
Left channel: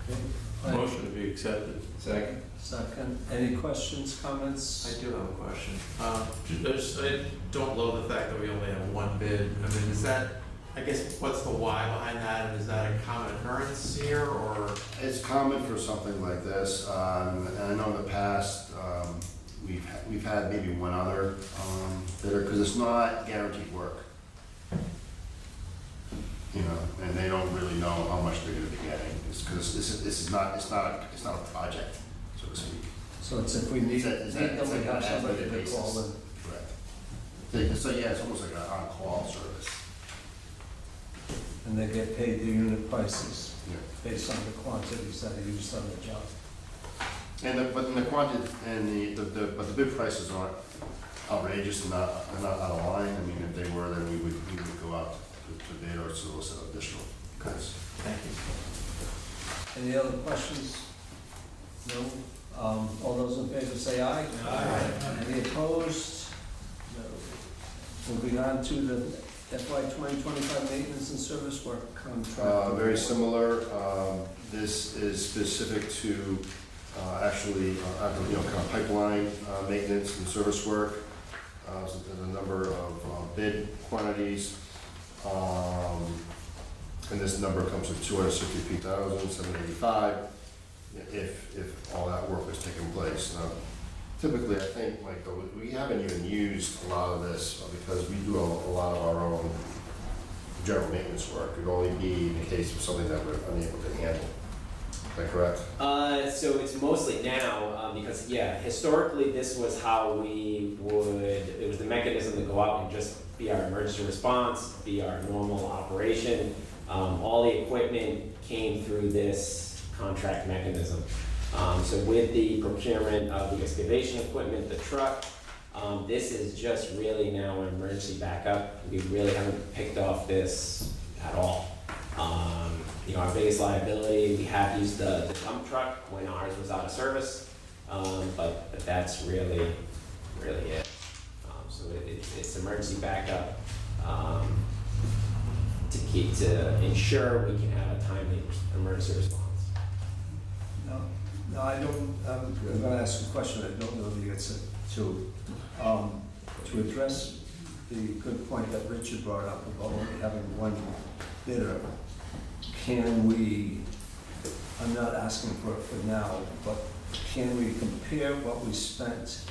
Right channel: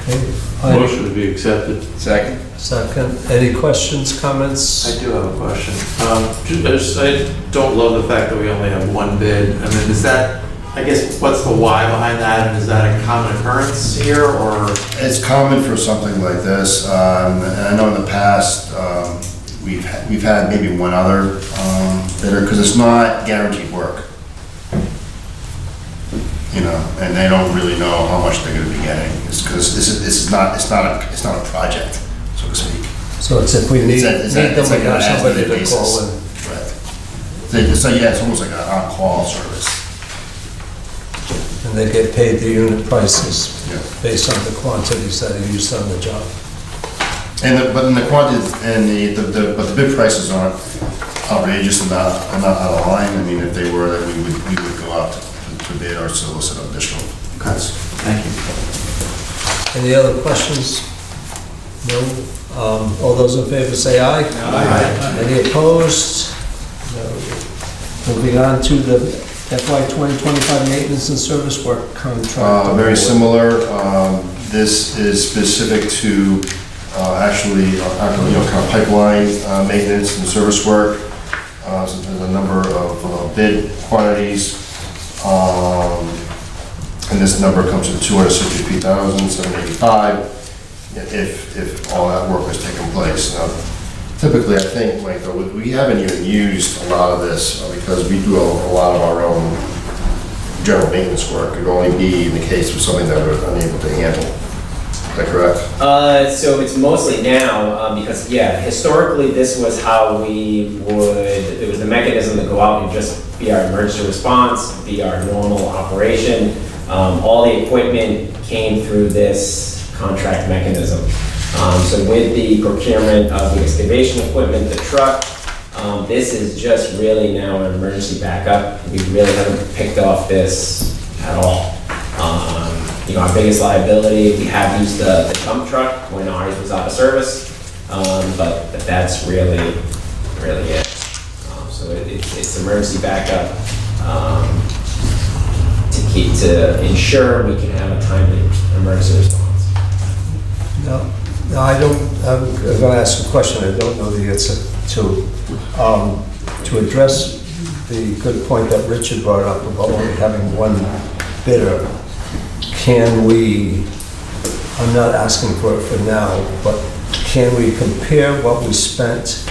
Okay. Motion to be accepted. Second. Second. Any questions, comments? I do have a question. I don't love the fact that we only have 1 bid. I mean, is that, I guess, what's the why behind that? And is that a common occurrence here, or? It's common for something like this, and I know in the past, we've had maybe 1 other bidder, because it's not guaranteed work. you know, and they don't really know how much they're gonna be getting. It's because it's not a project, so to speak. So it's if we need them, It's we like have an somebody as-needed to call in. basis. Right. So yeah, it's almost like an on-call service. And they get paid the unit prices Yeah. based on the quantities that are used on the job. But in the quantities, and but the bid prices aren't outrageous and not out of line. I mean, if they were, then we would go out to bid or solicit additional cuts. Thank you. Any other questions? No? All those in favor say aye. Aye. Any opposed? No. Moving on to the FY 2025 maintenance and service work contract. Very similar. This is specific to actually, you know, kind of pipeline maintenance and service work. So there's a number of bid quantities. And this number comes to $263,785 if all that work has taken place. Now, typically, I think, Michael, we haven't even used a lot of this because we do a lot of our own general maintenance work. It would only be in the case of something that we're unable to handle. Is that correct? So it's mostly now, because, yeah, historically, this was how we would, it was the mechanism to go out and just be our emergency response, be our normal operation. All the equipment came through this contract mechanism. So with the procurement of the excavation equipment, the truck, this is just really now an emergency backup. We really haven't picked off this at all. You know, our biggest liability, we have used the dump truck when ours was out of service, but that's really it. So it's emergency backup to ensure we can have a timely emergency response. No, I don't, I'm going to ask a question I don't know the answer to. To address the good point that Richard brought up about only having one bidder, can we, I'm not asking for it for now, but can we compare what we spent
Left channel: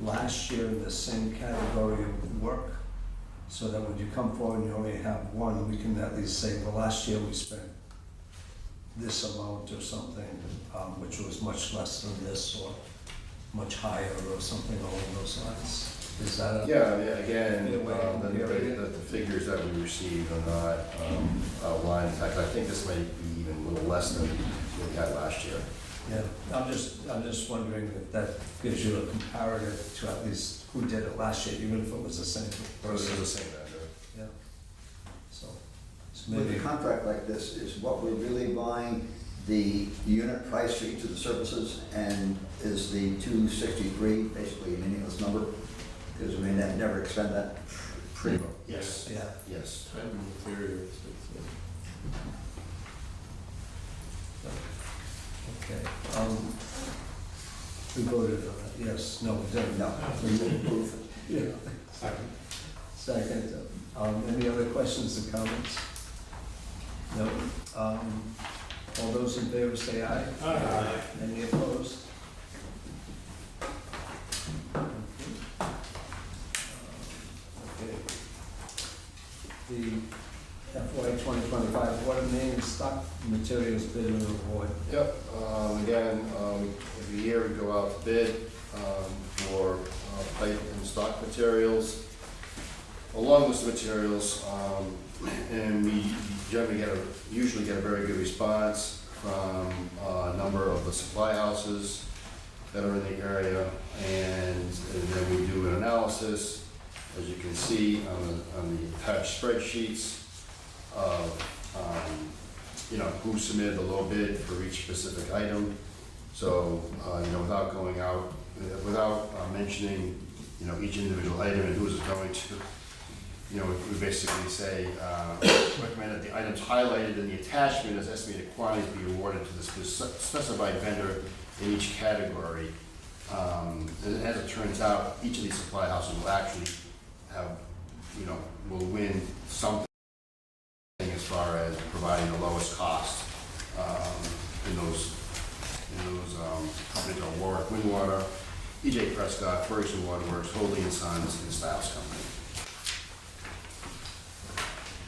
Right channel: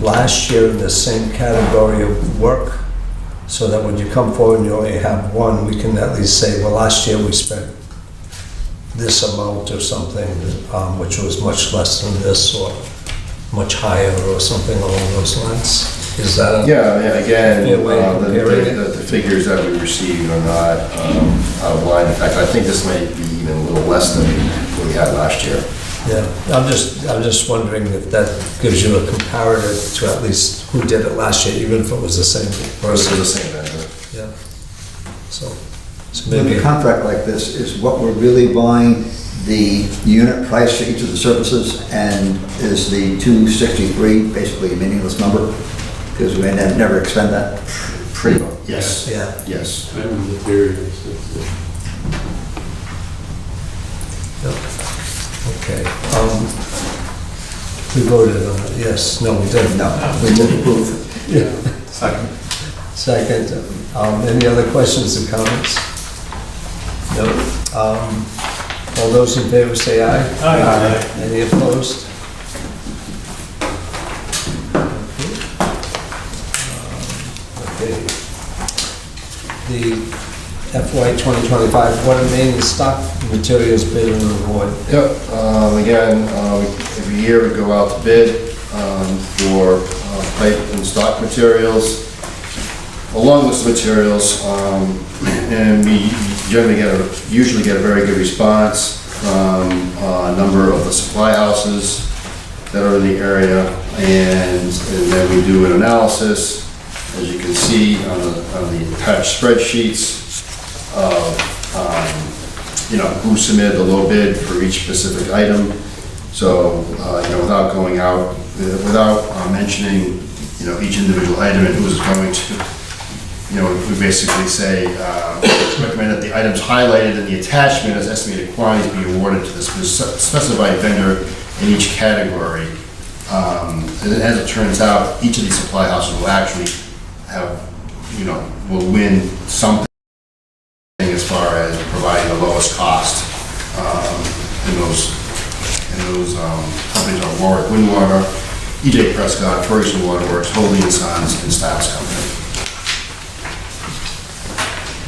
last year in the same category of work? So that when you come forward and you only have one, we can at least say, well, last year we spent this amount or something, which was much less than this or much higher or something along those lines. Is that a Yeah, again, fair way of comparing it? the figures that we received are not out of line. In fact, I think this might be even a little less than what we had last year. Yeah, I'm just wondering if that gives you a comparative to at least who did it last year, even if it was the same Versus person. the same vendor. Yeah. So With maybe, a contract like this, is what we're really buying the unit price for each of the services, and is the 263 basically a meaningless number? Because we may never expend that. Pretty much, yes. yeah. Yes. And materials, that's it. Okay. We voted on it, yes, no, we didn't. No, we didn't approve. Yeah. Second. Second, any other questions or comments? No. All those in favor say aye. Aye. Any opposed? Okay. The FY 2025 water main and stock materials bid and award. Yep, again, every year we go out to bid for pipe and stock materials, a long list of materials, and we usually get a very good response from a number of the supply houses that are in the area, and then we do an analysis, as you can see on the attached spreadsheets, of you know, who submitted the low bid for each specific item. So, you know, without going out, without mentioning, you know, each individual item and who it's going to, you know, we basically say, recommend that the items highlighted in the attachment as estimated quantities be awarded to the specified vendor in each category. And as it turns out, each of these supply houses will actually have, you know, will win something as far as providing the lowest cost. And those companies are Warwick Windwater, E.J. Prescott, Ferguson Waterworks, Holding & Sons, and Staff's Company.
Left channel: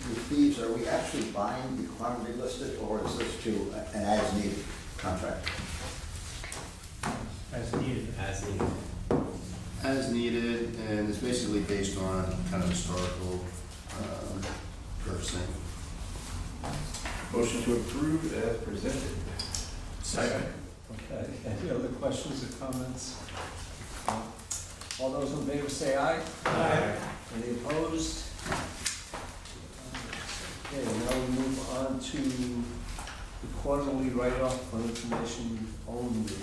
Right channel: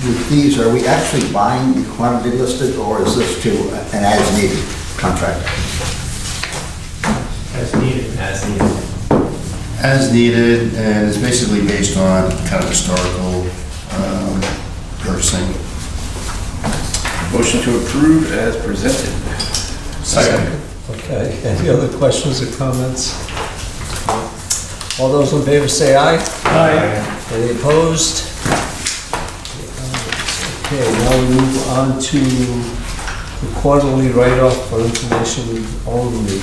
with these, are we actually buying the quantity listed, or is this to an as-needed contract? As needed. As needed. As needed, and it's basically based on kind of historical purchasing. Motion to approve as presented. Second. Okay, any other questions or comments? All those in favor say aye. Aye. Any opposed? Okay, now we move on to the quarterly write-off for information only.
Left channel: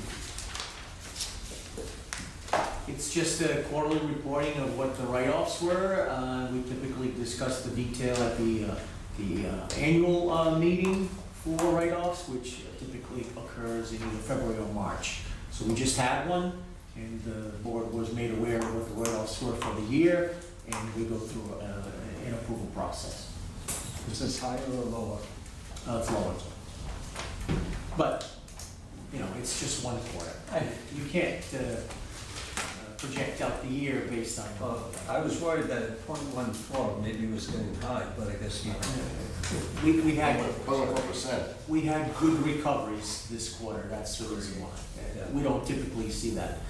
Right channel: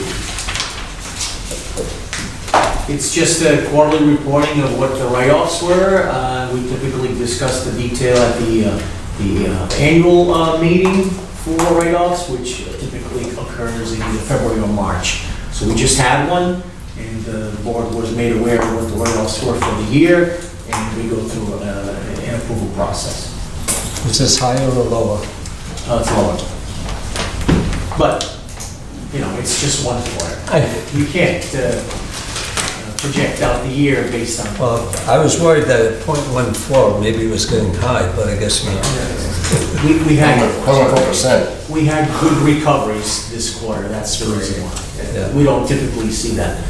It's just a quarterly reporting of what the write-offs were. We typically discuss the detail at the annual meeting for write-offs, which typically occurs in either February or March. So we just had one, and the board was made aware of what the write-offs were for the year, and we go through an approval process. Is this higher or lower? It's lower. But, you know, it's just one quarter. You can't project out the year based on. Well, I was worried that at .14, maybe it was getting high, but I guess not. We had. 1.4%. We had good recoveries this quarter, that's the reason why. Yeah. We don't typically see that,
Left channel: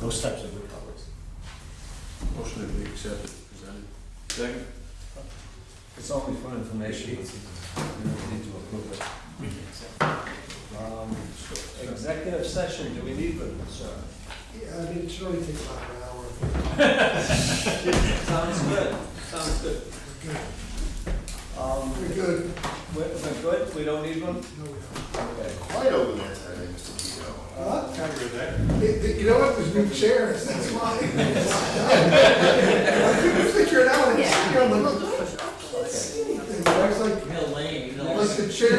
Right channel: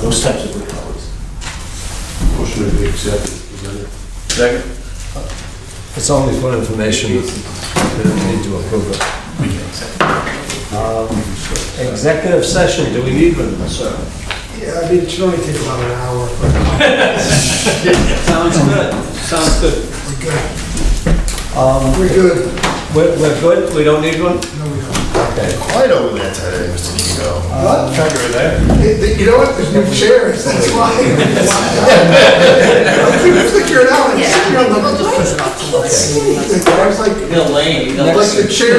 those types of recoveries. Motion to be accepted. Second. It's only for information, we don't need to approve it. Executive session, do we need one, sir? Yeah, I mean, it should only take about an hour. Sounds good, sounds good. We're good. We're good, we don't need one? No, we don't. Okay. Quite over there today, Mr. Kiko. What? You know what, there's new chairs, that's why. I couldn't figure it out. I was sitting here, I'm like, what? I was like, like the chair.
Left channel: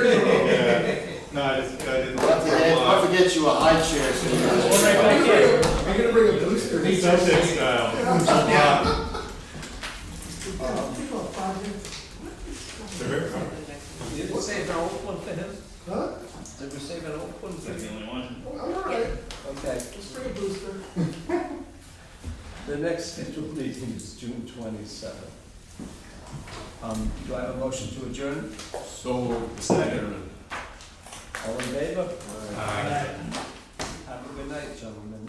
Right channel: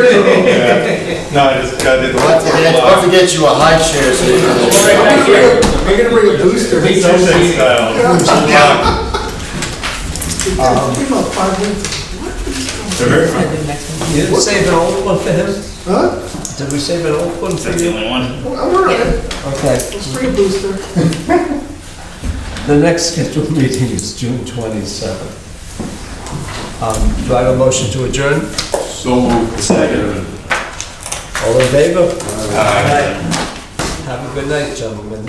No, I just got it. Don't forget you a high chair, so you can. I'm gonna bring a booster. Give Give about 5 minutes. You didn't save an old one for him? Huh? Did we save an old one for you? I'm all right. Okay. Let's bring a booster. The next scheduled meeting is June 27th. Do I have a motion to adjourn? So moved. Second. All in favor? Have a good night, gentlemen.